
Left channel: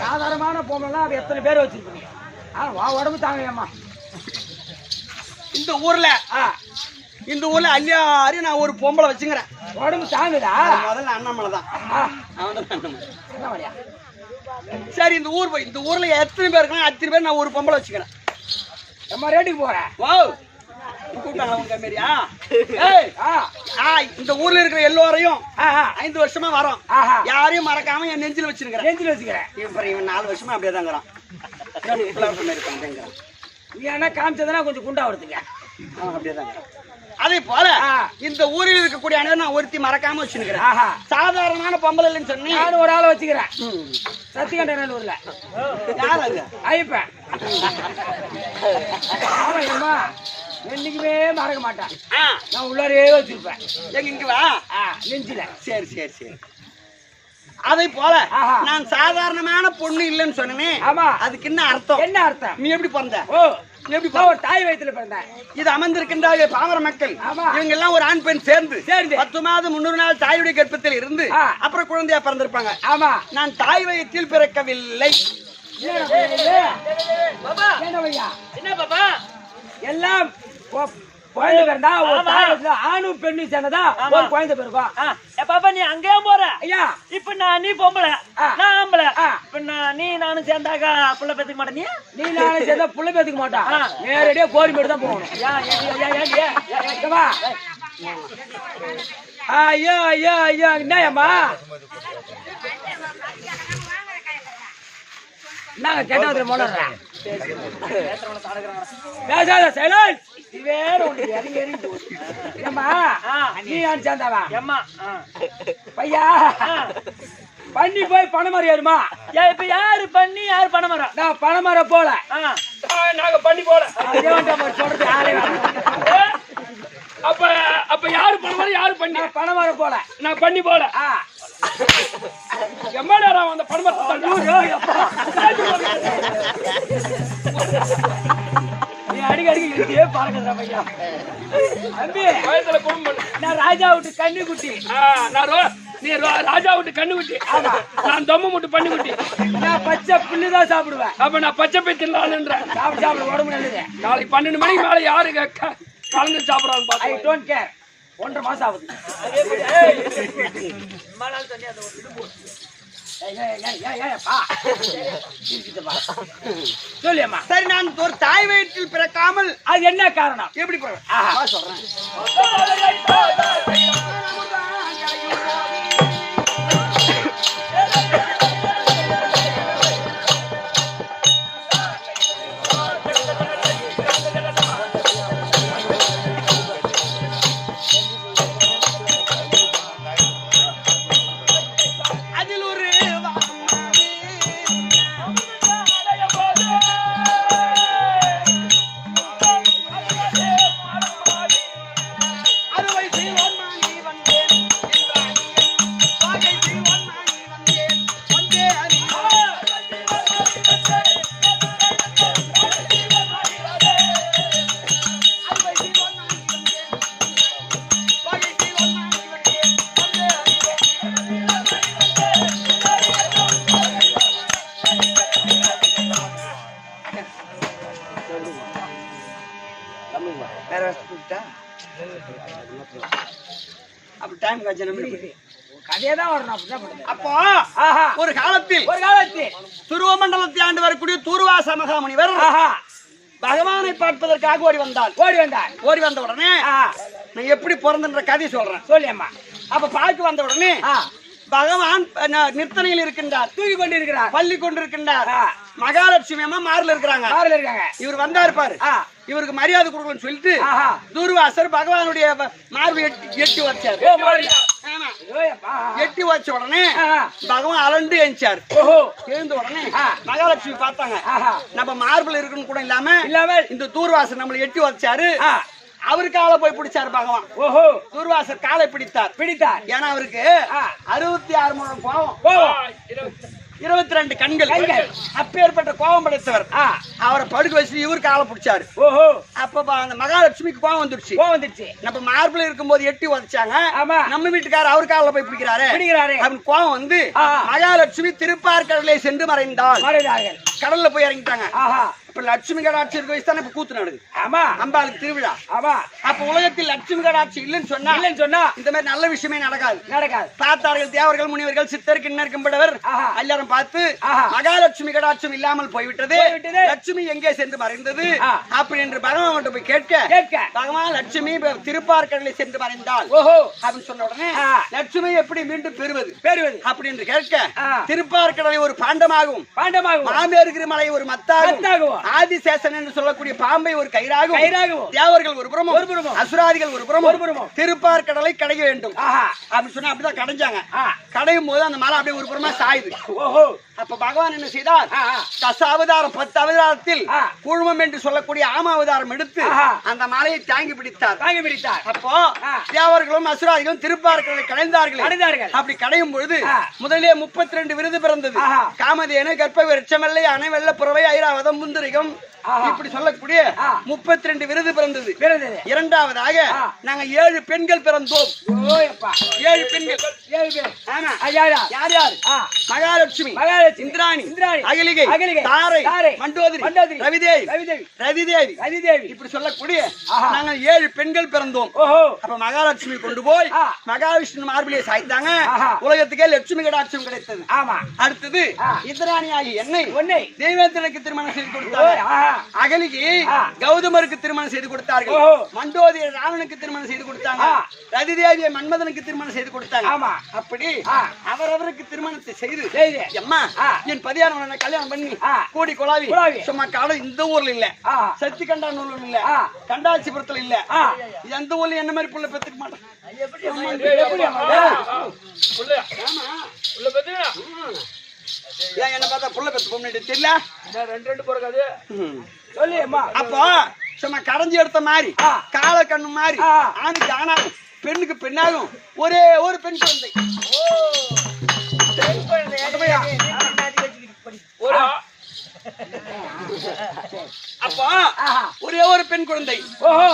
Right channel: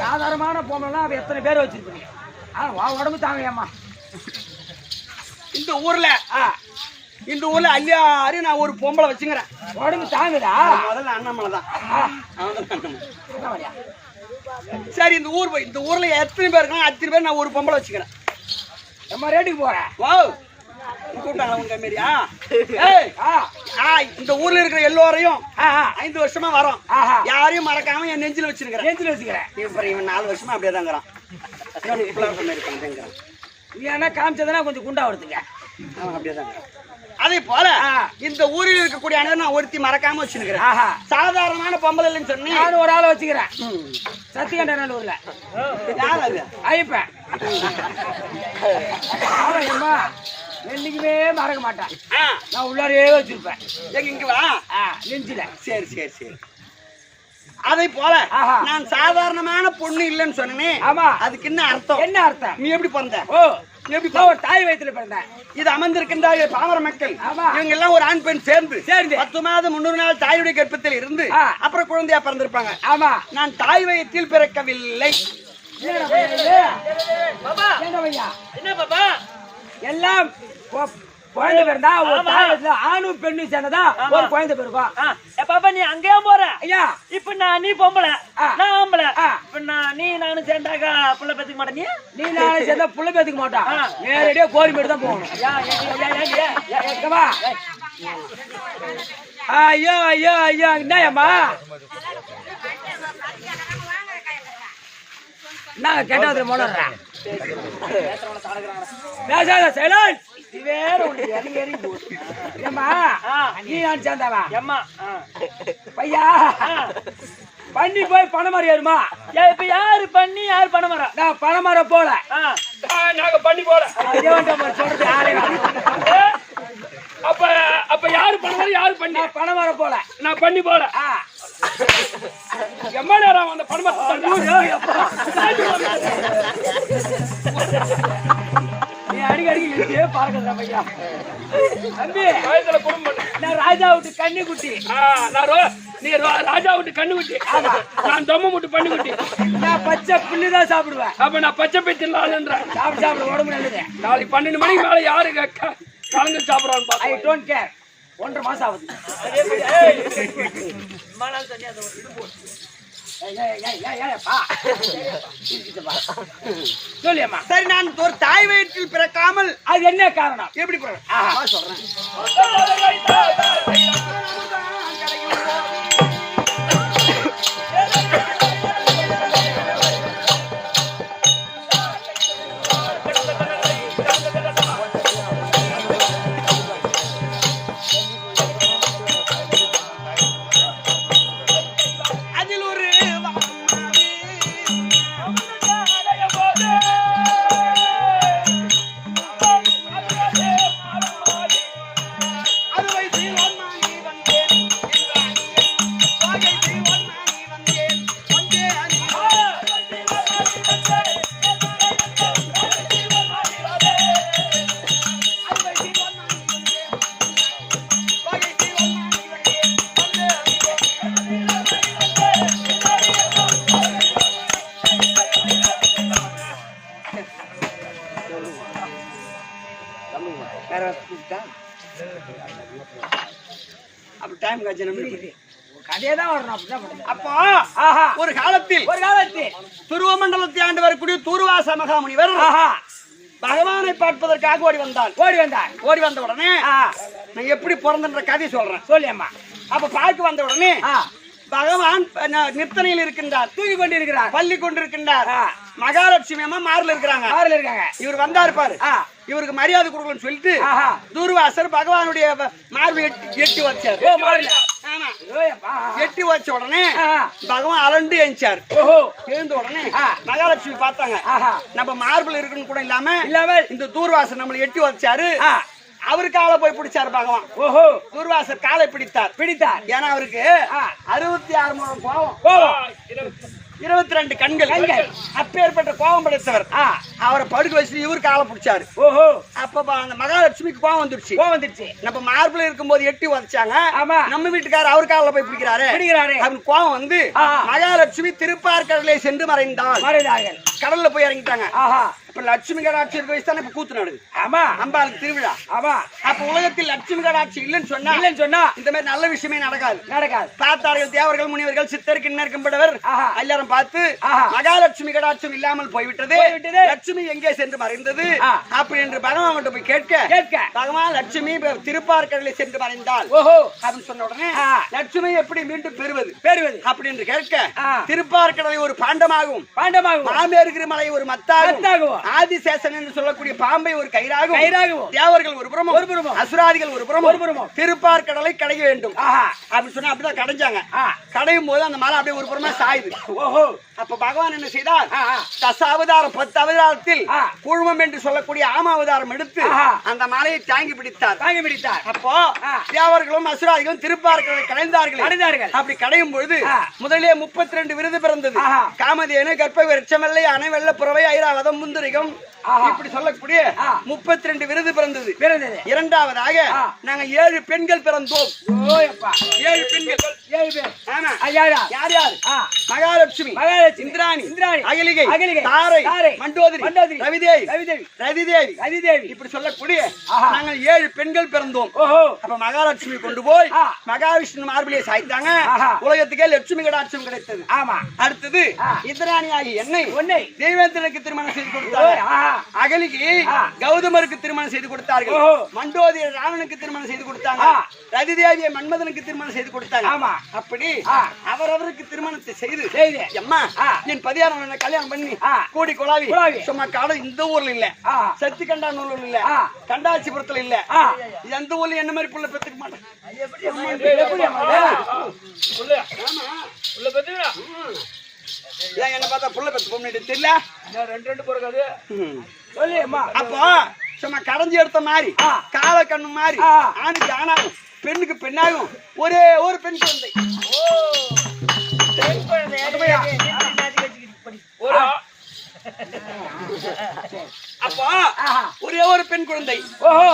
சாதாரணமான பொண்ணு அப்ப எத்தனை பேர் வச்சிருக்கீங்க? உடம்பு தாங்கம்மா. இந்த ஊர்ல இந்த ஊர்ல எல்லாரும் நான் ஒரு பொம்பளை வச்சுக்கிறேன். உடம்பு தாங்குதா? முதல்ல அண்ணாமலை தான். அவன் தான் அண்ணாமலை. அண்ணாமலையா? சரி, இந்த ஊர்ல எத்தனை பேர் இருக்காங்க அத்தனை பேர் நான் ஒரு பொம்பளை வச்சுக்கிறேன். நம்ம ரேட்டுக்கு போறேன். வாவ், கூப்பிட்டாங்களா உங்க மாரியா? இந்த ஊர்ல இருக்கிற எல்லோரையும் 5 வருஷமா வரோம். யாரையும் மறக்காம என் நெஞ்சில வச்சிருக்கிறேன். நெஞ்சில வச்சுக்கிறேன். இவன் 4 வருஷமா அப்படியே தாங்கிறான். நீ என்ன காமிச்சதுன்னா கொஞ்சம் குண்டா வருதுங்க. அவன் அப்படியே தாங்கிறான். அதே போல இந்த ஊரில் இருக்கக்கூடிய அனைவரும் நான் ஒருத்தி மறக்காம வச்சிருக்கிறேன். சாதாரணமான பொம்பளை இல்லைன்னு சொன்னேன். நானும் ஒரு ஆளை வச்சுக்கிறேன். சத்தியகண்டநல்லூர்ல. யார் அது? ஐயப்பன். ஆமாம்மா, என்னைக்குமே மறக்க மாட்டேன். நான் உள்ளாரே வச்சிருப்பேன். எங்க இங்க வா. நெஞ்சில. சரி சரி சரி. அதே போல நான் சாதாரணமான பொண்ணு இல்லைன்னு சொன்னேன். ஆமா, அதுக்கு என்ன அர்த்தம்? என்ன அர்த்தம்? நீ எப்படி பிறந்த? ஓ, எப்படி தாய் வயிற்றுல பிறந்தேன். இது அமர்ந்திருக்கின்ற பாமர மக்கள் இவங்க எல்லாம் ஒரு ஆண் பெண் சேர்ந்து 10 மாதம் 300 நாள் தாயுடைய கர்ப்பத்தில் இருந்து அப்புறம் குழந்தையா பிறந்திருப்பாங்க. ஆமா, நான் தாய் வயிற்றில் பிறக்கவில்லை. என்ன பாப்பா? எல்லாம் குழந்தை பிறந்தா ஒரு தாயத்துல ஆணும் பெண்ணு சேர்ந்ததா ஒரு குழந்தை பிறக்கும். பாப்பா நீ அங்கேயே போற ஐயா. இப்ப நீ பொம்பளை நான் ஆம்பளை. இப்ப நீ நானும் சேர்ந்தாக்கா புள்ள பெத்துக்க மாட்டேன். நீ நானும் சேர்ந்தா புள்ள பெத்துக்க மாட்டான். நேரடியா கோரிமேடு தான் போகணும். ஐயோ ஐயோ ஐயோ, என்னம்மா நான் கேட்டாவது மோனறேன். பேசாத சைலண்ட். வேற ஒண்ணு இறங்கி இறங்கி போகுது. ஏம்மா நீ நான் சேர்ந்தாவா? ஏம்மா பையா பண்ணி போய் பணமரம் ஏறுமா? இப்ப யாரு பண்ணி யாரு பணமரம்? நான் பணமரம் போல. நாங்க பண்ணி போல. சொல்றது யாரே அப்ப யாரு பணமரம் யாரு பண்ணி? நான் பணமரம் போல. நான் பண்ணி போல. எம்மா நேரம் அந்த பணமரத்தை நீ அடிக்கடி இழுத்தியே பாருங்க பையா. அம்பி வயசுல குடும்பம். நான் ராஜா விட்டு கண்ணு குட்டி. நீ ராஜா விட்டு கண்ணு குட்டி. நான் தொம்ம முட்டு பண்ணி குட்டி. நான் பச்சை புல்லுதான் சாப்பிடுவேன். அப்ப நான் பச்சை பேச்சுன்றேன். சாப்பிட உடம்பு நல்லது. நாளைக்கு 12 மணிக்கு மேல யாரு கலந்து சாப்பிடறான்னு ஐ டோன்ட் கேர். 1.5 மாசம் ஆகுது. சொல்லியம்மா. சரி, நான் ஒரு தாய் வயிற்றில் பிறக்காமல் அது என்ன காரணம்? எப்படி சொல்றேன்? அப்போ ஒரு காலத்தில் துருவமண்டலத்தை ஆண்டு வரக்கூடிய தூர்வாச மகாமுனிவர் பகவானை பார்ப்பதற்காக ஓடி வந்தார். ஓடி வந்த உடனே நான் எப்படி பிறந்தன்ற கதை சொல்றேன். சொல்லியம்மா. அப்ப பார்க்க வந்த உடனே பகவான் நிர்த்தனையில் இருக்கின்றார். தூக்கி கொண்டிருக்கிறார். பள்ளி கொண்டிருக்கின்றார். மகாலட்சுமி அம்மா மாறுல இருக்காங்க. இவர் வந்தாரு பாரு. இவருக்கு மரியாதை கொடுக்கணும்னு சொல்லிட்டு தூர்வாசர் பகவானுடைய மார்பு எட்டி வச்சார். எட்டி வச்ச உடனே பகவான் அலண்டு எழுந்தார். எழுந்த உடனே மகாலட்சுமி பார்த்தாங்க. நம்ம மார்பிள் இருக்குன்னு கூட இல்லாம இந்த தூர்வாசர் நம்மளை எட்டி வச்சாரு. அவரு காலை போய் பிடிச்சாரு பகவான். தூர்வாசர் காலை பிடித்தார். ஏன்னா அவருக்கு 66 முழம் கோபம், 22 கண்கள். அப்பேற்பட்ட கோபம் படைத்தவர். அவரை படுக்க வச்சு இவரு காலை பிடிச்சாரு. அப்ப அந்த மகாலட்சுமிக்கு கோபம் வந்துருச்சு. நம்ம மார்பிள் இருக்கும் போது எட்டி உதச்சாங்க. நம்ம வீட்டுக்காரர் அவர் காலில் போய் பிடிக்கிறாரு. அவன் கோபம் வந்து மகாலட்சுமி திருப்பார்கடலை சென்று மறைந்தாள். கடல்ல போய் இறங்கிட்டாங்க. இப்ப லட்சுமி கடாட்சி இருக்க வயசு தானே இப்ப கூத்து நடக்குது. ஆமா அம்பாளுக்கு திருவிழா. ஆமா. அப்ப உலகத்தில் லட்சுமி கடாட்சி இல்லைன்னு சொன்னா இந்த மாதிரி நல்ல விஷயமே நடக்காது. பார்த்தார்கள் தேவர்கள் முனிவர்கள் சித்தர் கிண்ணர் கம்படவர் எல்லாரும் பார்த்து மகாலட்சுமி கடாட்சம் இல்லாமல் போய்விட்டது, லட்சுமி எங்கே சென்று மறைந்தது அப்படி என்று பகவான் போய் கேட்க பகவான் லட்சுமி திருப்பார்கடலை சென்று மறைந்தாள் அப்படின்னு சொன்ன உடனே லட்சுமி எப்படி மீண்டும் பெறுவது அப்படி என்று கேட்க திருப்பார்கடலை ஒரு பாண்டமாகும், மாமேறுகிற மலை ஒரு மத்தாகும், ஆதிசேஷன் என்று சொல்லக்கூடிய பாம்பை ஒரு கயிறாகும், தேவர்கள் ஒரு புறமும் அசுராதிகள் ஒரு புறமும் திருப்பார்கடலை கடைய வேண்டும் அப்படின்னு சொன்னா அப்படிதான் கடைஞ்சாங்க. கடையும் போது அந்த மலை அப்படியே ஒரு புறமா சாயுது. அப்ப பகவான் என்ன செய்தார், தசாவதாரம் 10 அவதாரத்தில் கூழ்மம் என்று சொல்லக்கூடிய ஆமாவதாரம் எடுத்து அந்த மலையை தாங்கி பிடித்தார். அப்போ தேவர்களும் அசுராதிகளும் திருப்பார்கடலை கடைந்தார்கள். அப்படி கடையும் பொழுது முதலே 32 விருது பிறந்தது. காமதேனு, கற்பக விருட்சமல்லை, அணை, வெள்ள புறவை, ஐராவதம், முந்திரிகம் இப்படி சொல்லக்கூடிய 32 விருது பிறந்தது. இரண்டாவதாக நாங்க 7 பெண்கள் பிறந்தோம். 7 பெண்கள். யார் யார்? மகாலட்சுமி, இந்திராணி, அகலிகை, தாரை, மண்டோதரி, ரதிதேவி இப்படி சொல்லக்கூடிய நாங்கள் 7 பெண்கள் பிறந்தோம். அப்ப மகாலட்சுமி கொண்டு போய் மகாவிஷ்ணு மார்பிலே சாய்த்தாங்க. உலகத்துக்கே லட்சுமி கடாட்சம் கிடைத்தது. அடுத்தது இந்திராணி ஆகி என்னை தெய்வேந்திரனுக்கு திருமணம் செய்து கொடுத்தாங்க. அகலிகை கௌதமருக்கு திருமணம் செய்து கொடுத்தார்கள். மண்டோதரி ராவனுக்கு திருமணம் செய்து கொடுத்தாங்க. ரதிதேவியை மன்மதனுக்கு திருமணம் செய்து கொடுத்தாங்க. அப்படி அவரவருக்கு திருமணத்தை செய்து அம்மா என் பதியாரவனை கல்யாணம் பண்ணி கூடி கொலாவி சும்மா காலம் இந்த ஊர்ல இல்ல, சத்தி கண்டாநல்லூர்ல இல்ல, கண்டாச்சிபுரத்துல இல்ல, எந்த ஊர்ல என்ன மாதிரி புள்ள பெத்துக்க மாட்டேன். என்ன பார்த்தா புள்ள பெத்து பொண்ணு தெரியல, 2 பிறகாது சொல்லியம்மா. அப்போ சும்மா கடைஞ்சி எடுத்த மாதிரி கால கண்ணு மாதிரி ஆணுக்கு ஆணாகும் பெண்ணுக்கு பெண்ணாகும் ஒரே ஒரு பெண் குழந்தை. அப்போ ஒரே ஒரு பெண் குழந்தை.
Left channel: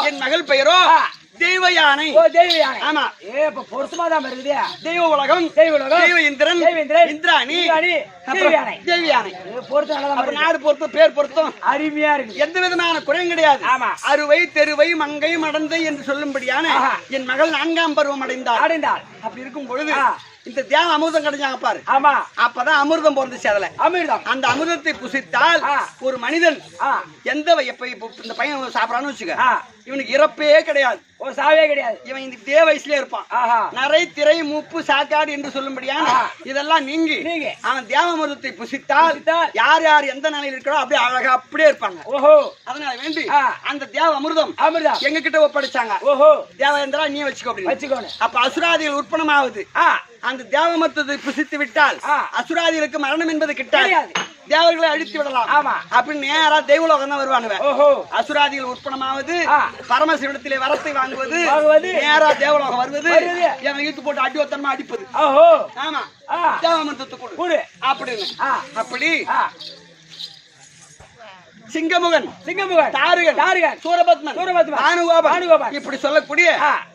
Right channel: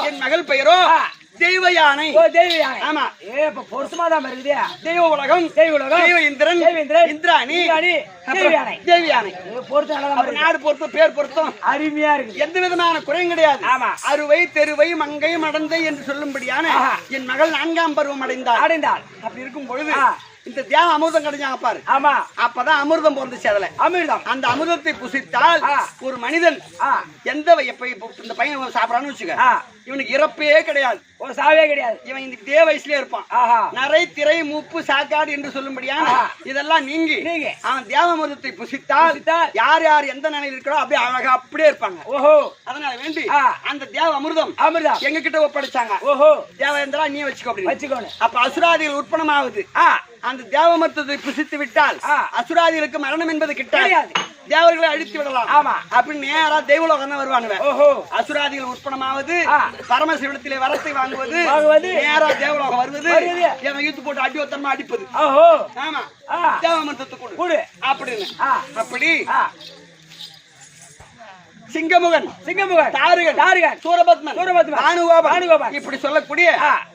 என் மகள் பெயரோ தெய்வ யானை. ஆமா, பொருத்தமா தான் இருக்குது. தெய்வ உலகம், தெய்வ இந்திரன், இந்திராணி, தேவி யானை. நாடு பொருத்தம், பேர் பொருத்தம் அருமையா இருக்கு. எந்த விதமான குறையும் கிடையாது. அறுவை தெருவை மங்கை மடந்தை என்று சொல்லும்படியான என் மகள் 4ஆம் பருவம் அடைந்தாள். அப்படி இருக்கும் பொழுது இந்த தியாகம் அமிர்தம் கிடைச்சாங்க பாரு. ஆமா, அப்பதான் அமிர்தம் பிறந்துச்சு. அதுல அமிர்தம், அந்த அமிர்தத்தை புசித்தால் ஒரு மனிதன் எந்த இந்த பையன் சாப்பிடறான்னு வச்சுக்க, இவனுக்கு இறப்பே கிடையாது, ஒரு சாவே கிடையாது. இவன் இந்த இதே வயசுலயே இருப்பான். நரை, திரை, மூப்பு, சாக்காடு என்று சொல்லும்படியா இதெல்லாம் நீங்கி அவன் தியாகமிருதத்தை புசித்தால் யார் யார் எந்த நிலையில் இருக்கிறோ அப்படியே அழகா அப்படியே இருப்பாங்க. அதனால வேண்டி அந்த தியாக அமிர்தம் எங்க கிட்ட ஒப்படைச்சாங்க. தேவேந்திரா நீ வச்சுக்கோ. அப்ப அசுராதிகள் உற்பணமாவது அந்த தேவமருத்துவத்தை புசித்து விட்டால் அசுராதிகளுக்கு மரணம் என்பது கிடையாது, தேவர்களை அழித்து விடலாம். அப்படின்னு நேரா தெய்வலோகம் தான் வருவானுங்க. அசுராதிகள் உற்பணமாவது பரமசிவத்திலே வரத்தை வாங்குவது, நேரா தேவலோகம் வருவது, ஈத்து போட்டு அடிவத்தனமா அடிப்பது. ஆமா, தேவமருத்துவத்தை கொடு அப்படின்னு. அப்படி சிங்கமுகன், தாருகன், சூரபத்மன், பானுகோபன் இப்படி சொல்லக்கூடிய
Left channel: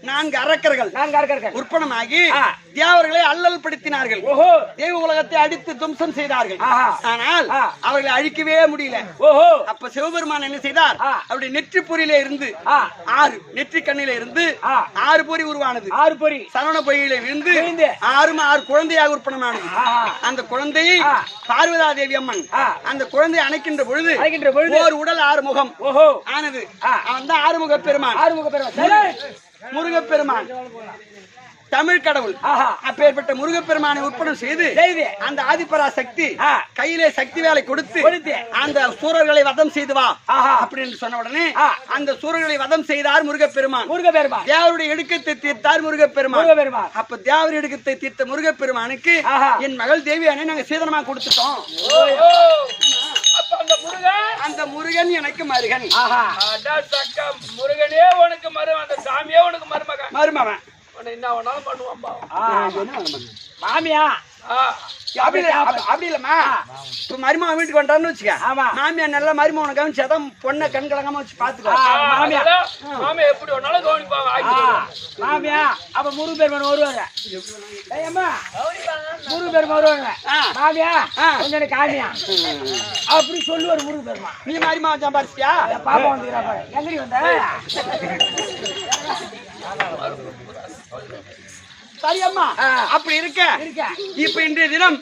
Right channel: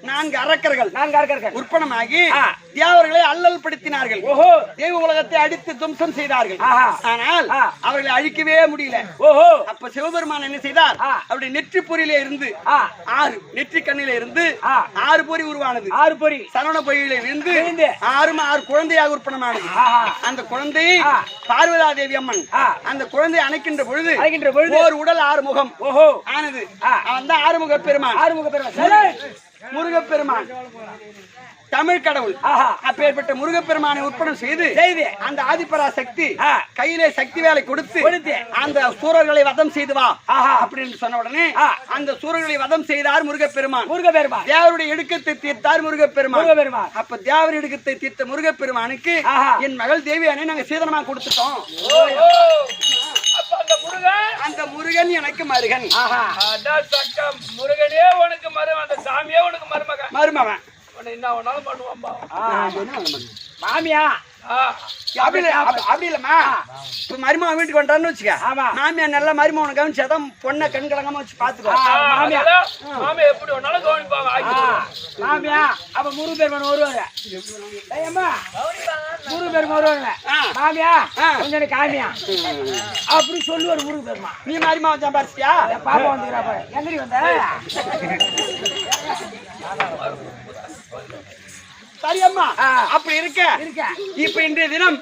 4 அரக்கர்கள் உற்பணமாகி தேவர்களை அல்லல் படுத்தினார்கள். தேவ உலகத்தை அடித்து தும்சம் செய்தார்கள். ஆனால் அவர்களை அழிக்கவே முடியல. அப்ப சிவபெருமான் என்ன செய்தார், அவருடைய நெற்றிப்பொறியில இருந்து 6 நெற்றி கண்ணில இருந்து 6 பொறி உருவானது. 6 பொறி சரவண பொறியில இருந்து 6 குழந்தையாக உற்பணமானது. அந்த குழந்தையை பார்வதா தேவி அம்மன் அந்த குழந்தையை அணைக்கின்ற பொழுது ஒரு உடல் 6 முகம் ஆனது. அந்த ஆறுமுக பெருமான், முருகப்பெருமான் தமிழ் கடவுள். அப்பேற்பட்ட முருகப்பெருமானை உற்பணம் செய்து அந்த ஆதிபரா சக்தி கையிலே சக்தி வேலை கொடுத்து அந்த சூரர்களை வதம் செய்து வா அப்படின்னு சொன்ன உடனே அந்த சூரர்களை வதம் செய்தார் முருகப்பெருமான். தேவருடைய இடுக்கத்தை தீர்த்தார் முருகப்பெருமான். அப்ப தேவர் இடுக்கத்தை தீர்த்த முருகப்பெருமானுக்கு என் மகள் தேவியானை நாங்க சீதனமா கொடுத்துட்டோம். அந்த முருகன் எனக்கு மருகன். முருகனே உனக்கு மருமகன், அந்த சாமியே உனக்கு மருமகன். என்ன வேணாலும் பண்ணுவான். மாமியா அப்படி இல்லம்மா. இப்ப மருமகன் வீட்டுக்கு வந்தான்னு வச்சுக்க. ஆமா. மாமியார் நல்லா மருமகனை கவனிச்சாதான் பொண்ணை கண் கலங்காம வச்சு பாத்துக்கோ. மாமியா எப்படி ஒன்னாலும் கவனிப்பாங்க. மாமியா அப்ப முருகு பெருமான் வருவாங்க. ஏம்மா முருகு பெருமான் வருவாங்க. மாமியா கொஞ்சம் காமியா அப்படி சொல்லுவார் முருகு பெருமான். நீ மருமகன் சம்பாரிச்சியா? பாப்பா வந்துக்கிறா பாரு. எங்கடி வந்த? சரியம்மா. அப்படி இருக்க இப்ப இன்றைய தினம்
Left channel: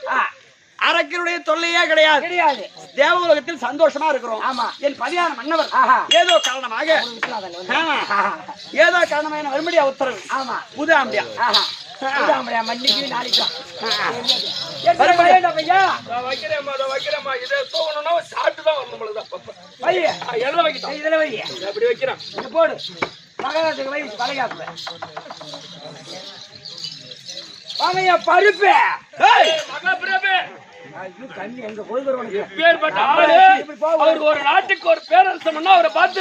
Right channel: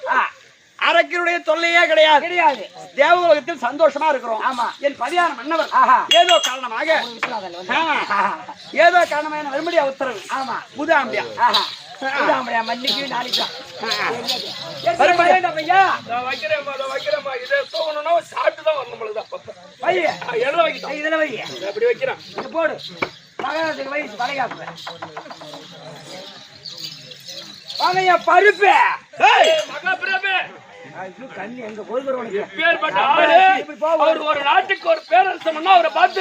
அரக்கனுடைய தொல்லையே கிடையாது. தேவலோகத்தில் சந்தோஷமா இருக்கிறோம். ஆமா. என் பதியான மன்னவர் ஏதோ காரணமாக வரும்படியா உத்தரவு. ஆமா. புதாம்பியா மன்னிக்கு நாளைக்கு வைக்கிறேம்மா இதை தூங்கணும்னா சாப்பிட்டு தான் வரணும். எல்லாம் வைக்கிட்டோம். இதுல வை. அப்படி வைக்கிறேன். போடு மகாராஜுக்கு வை வளைகாப்பு. வாங்கய்யா பருப்பு. கண்ணி எங்க போய் ஒரு நாட்டுக்கு ஒரு பேரரசம்னா அவரை பார்த்து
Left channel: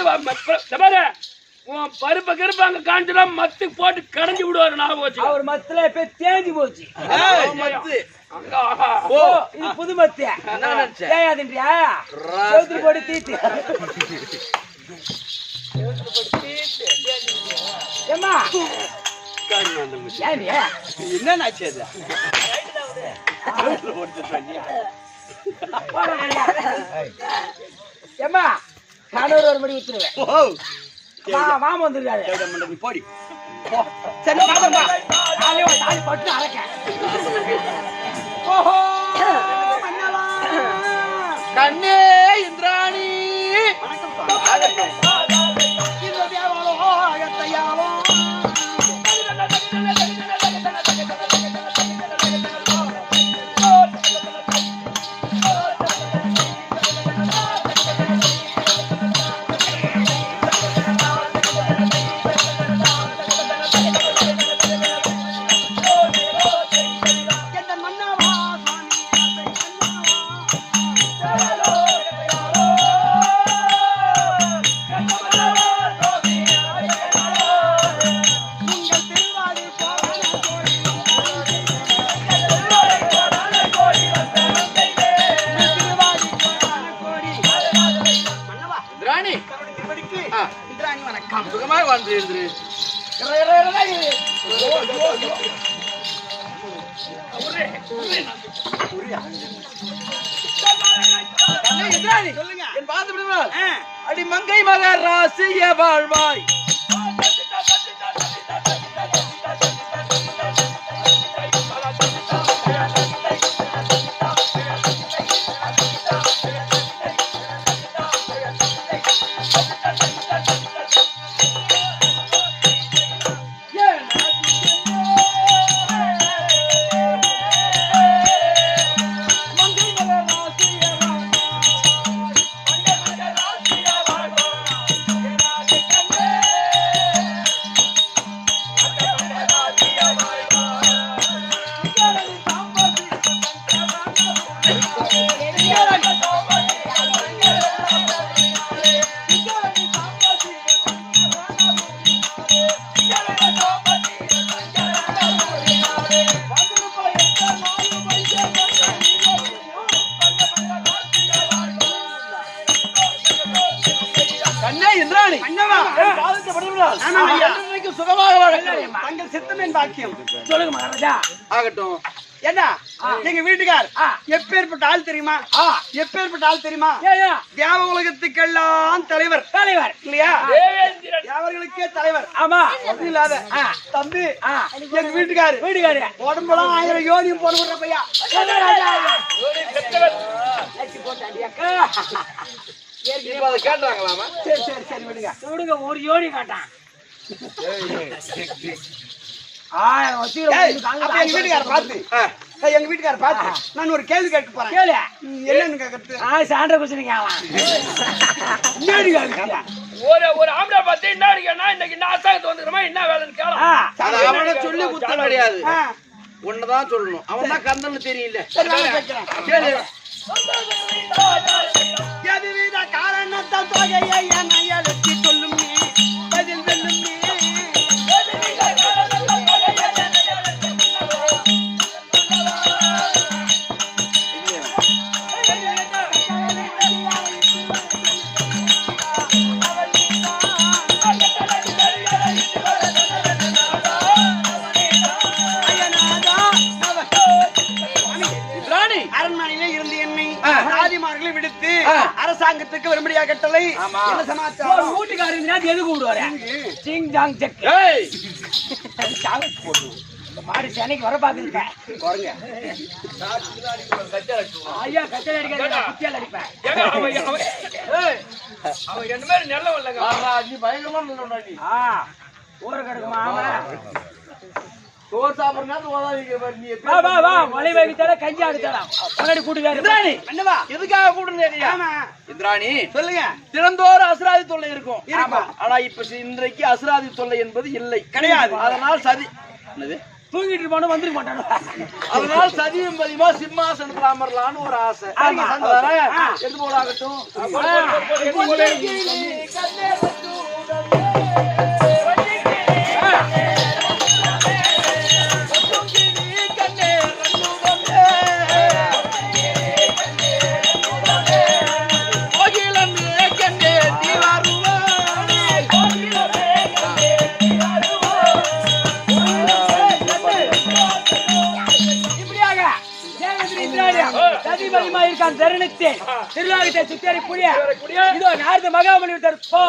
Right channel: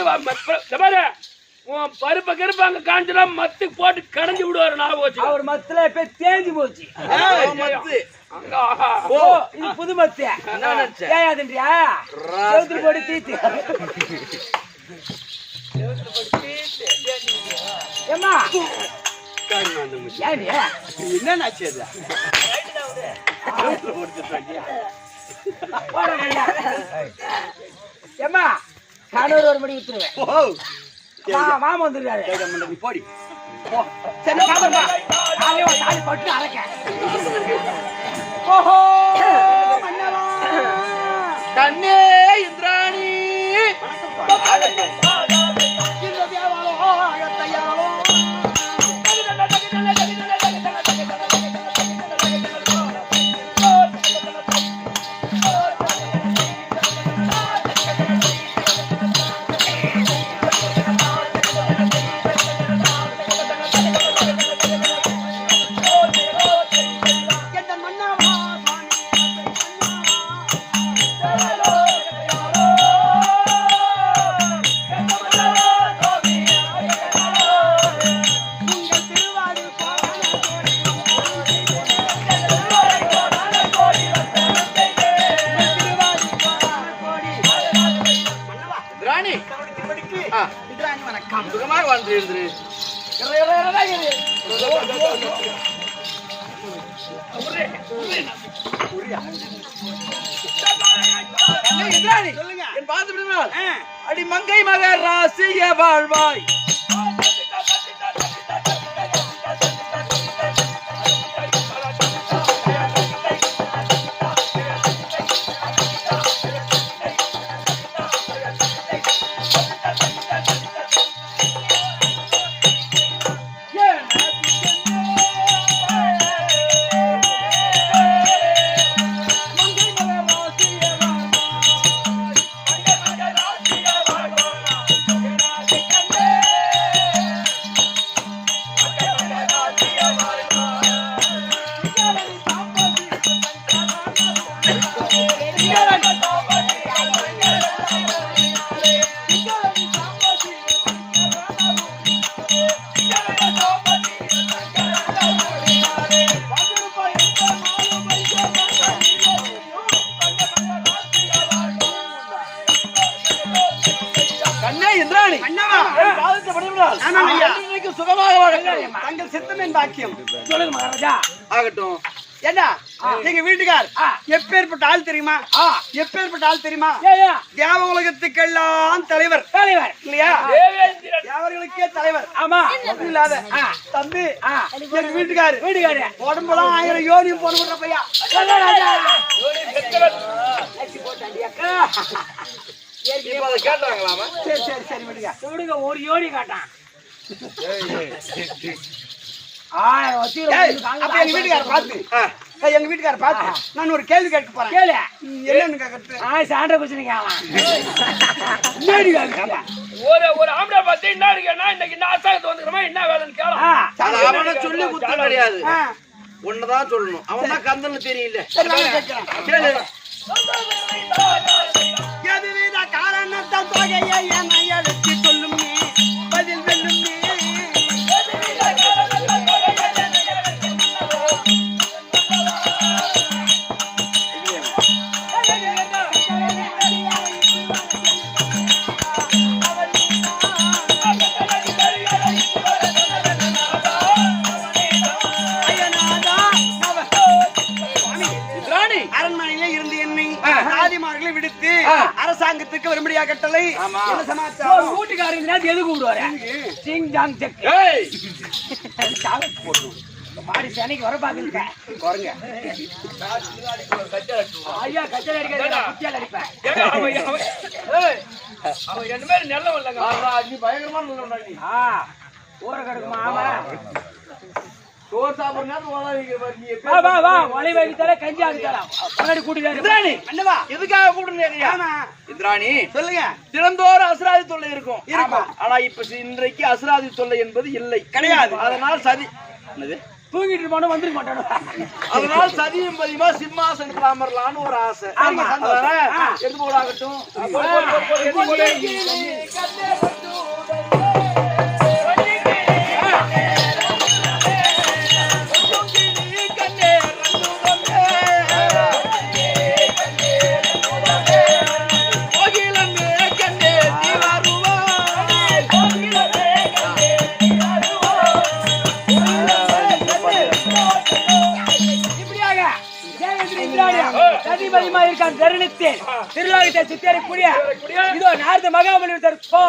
பருப்ப கருப்பாங்க காஞ்சினா மத்து போட்டு கடைஞ்சு விடுவாரு. நான் போச்சு அவர் மத்துல இப்ப தேஞ்சு போச்சு. இது புது மத்து ஏயாதுன்றியா? போட்டு தீத்து ஏமா என்னாச்சு அது? ஏமா கணவர் ஒரு மணி வித்துருவேன். மாமா வந்துருக்காரு. போடி பட்டு அரைக்க. கண்ணே இந்திராணி சுகமாக வாழ்ந்து எழுந்துரு. என் பார்த்து விடுவாள். அடி மங்கை மகராசிய வாழ்வாய். சுகமாக வாழட்டும். தங்கள் சித்தம் என் பாக்கியம். சொல்லுங்க மகாராஜா. ஆகட்டும். என்ன எங்க வீட்டுக்கார் எப்பேற்பட்ட ஆள் தெரியுமா? எப்பேற்பட்ட ஆள் தெரியுமா? தேவ உலகத்துக்கெல்லாம் தலைவர் இல்லையா? தேவர்களுக்கே தலைவர். ஆமா. அது இல்லாத தம்பி எங்க வீட்டுக்காரு உடம்புலாம் 1000 யோனியும் போன விடுற பையா. கேட்டாங்களாமா? சரி சரி சரி விடுங்க விடுங்க. ஒரு யோனி காட்டான். எங்க வீட்டுக்கார பார்த்து நான் ஒரு கேள்வி கேட்க போறேன். என்னன்னு கேட்கறது? சாண்ட குச்சிருங்க. ஒரு ஆம்பளை பார்த்து என்ன இருக்கா இன்னைக்கு இந்த ஆசாயத்து வந்துக்கிறோமா என்ன வேலைன்னு கேள. அவனை சொல்லி குத்த கிடையாது. ஒண்ணுதான் சொல்லணும். அவன் தான் கந்தன்னு தெரியல. காரணத்தான் தொகையை அழைச்சி சொல்லும் பதில் வெல்லும். கட்டளை விடுத்து அரசாங்கத்துக்கு வரும்படியா கட்டளை. என்ன சமாச்சாரம்? வீட்டுக்காரங்க எது கூப்பிடுவாரு? Singh Jong check. மாடி சேனைக்கு வர பாக்குங்க பாருங்க. ஐயா கச்சல் அடிக்காத குத்தியால அடிப்பேன். அவன் என்ன மாதிரி நல்ல இல்லைங்க. நீ பயங்கரமா நல்ல ஊரை கிடக்குமா அவன் சோறு சாப்பிடுறா நீ வா வா வா மொழி வைத்தால கஞ்சி ஆடுக்கலாம் முன்னாடி கூட்டி இந்திராணி அண்ணவா எதுக்காக கூடுங்க? இந்திராணி சொல்லுங்க. தினந்தோறும் அசுராதி தொல்லை இருக்கும். ஆனா இப்ப இன்றைக்கு அசுராதி தொல்லை என்பது இல்லை, கிடையாது. அதனால் சதி என்னது தூங்கிட்டு இருப்பானோ வந்துருக்க மாட்டானோ. அதனால் சதியும் பதிமா சிம்மாசனத்துல அமரலான்னு ஒரு ஆசை. எடுத்து போடாகட்டும். திருநாகத்தை சுத்தியாரி புரிய இதோ நாரத மகாபலி தற்போ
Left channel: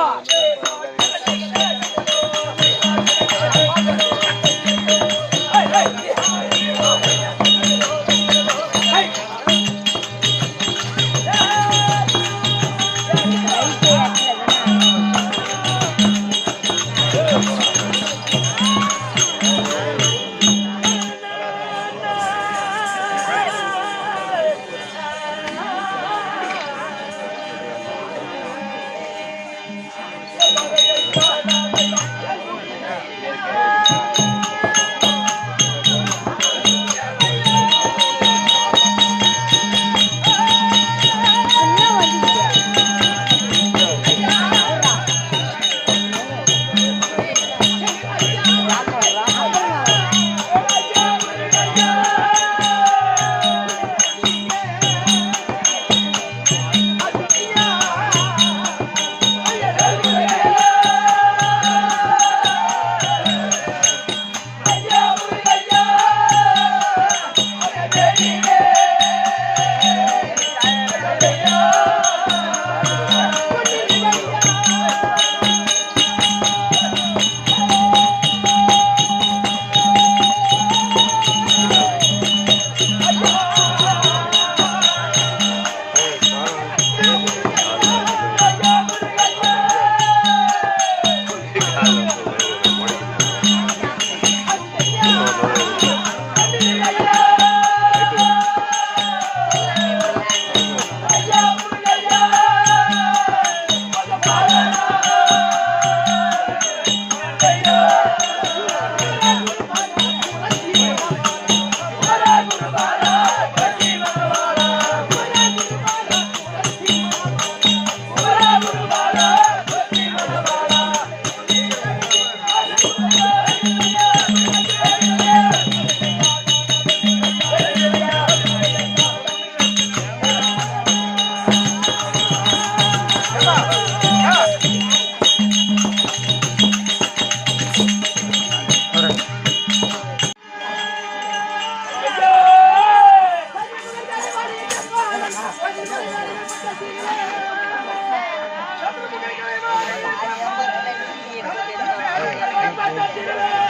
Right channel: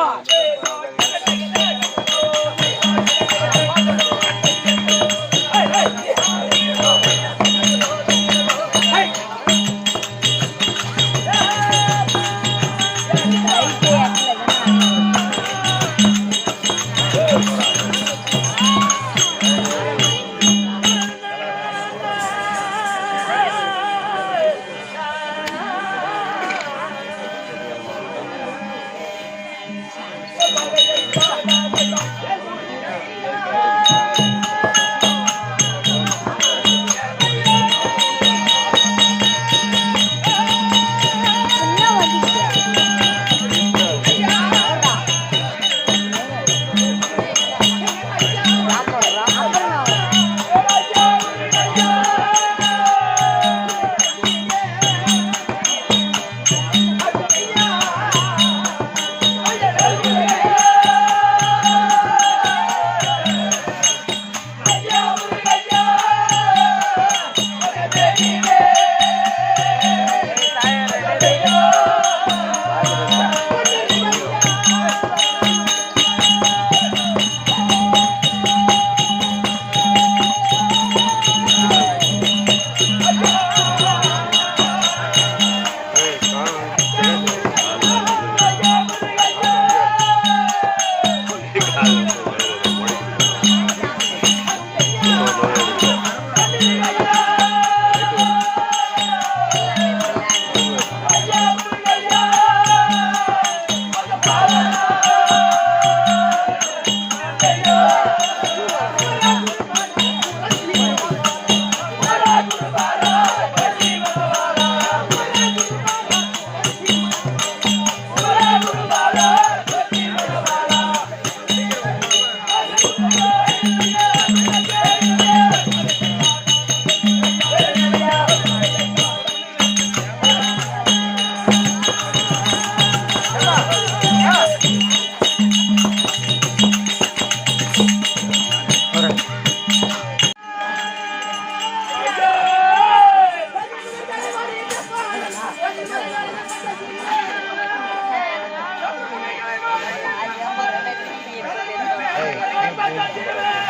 Thank you.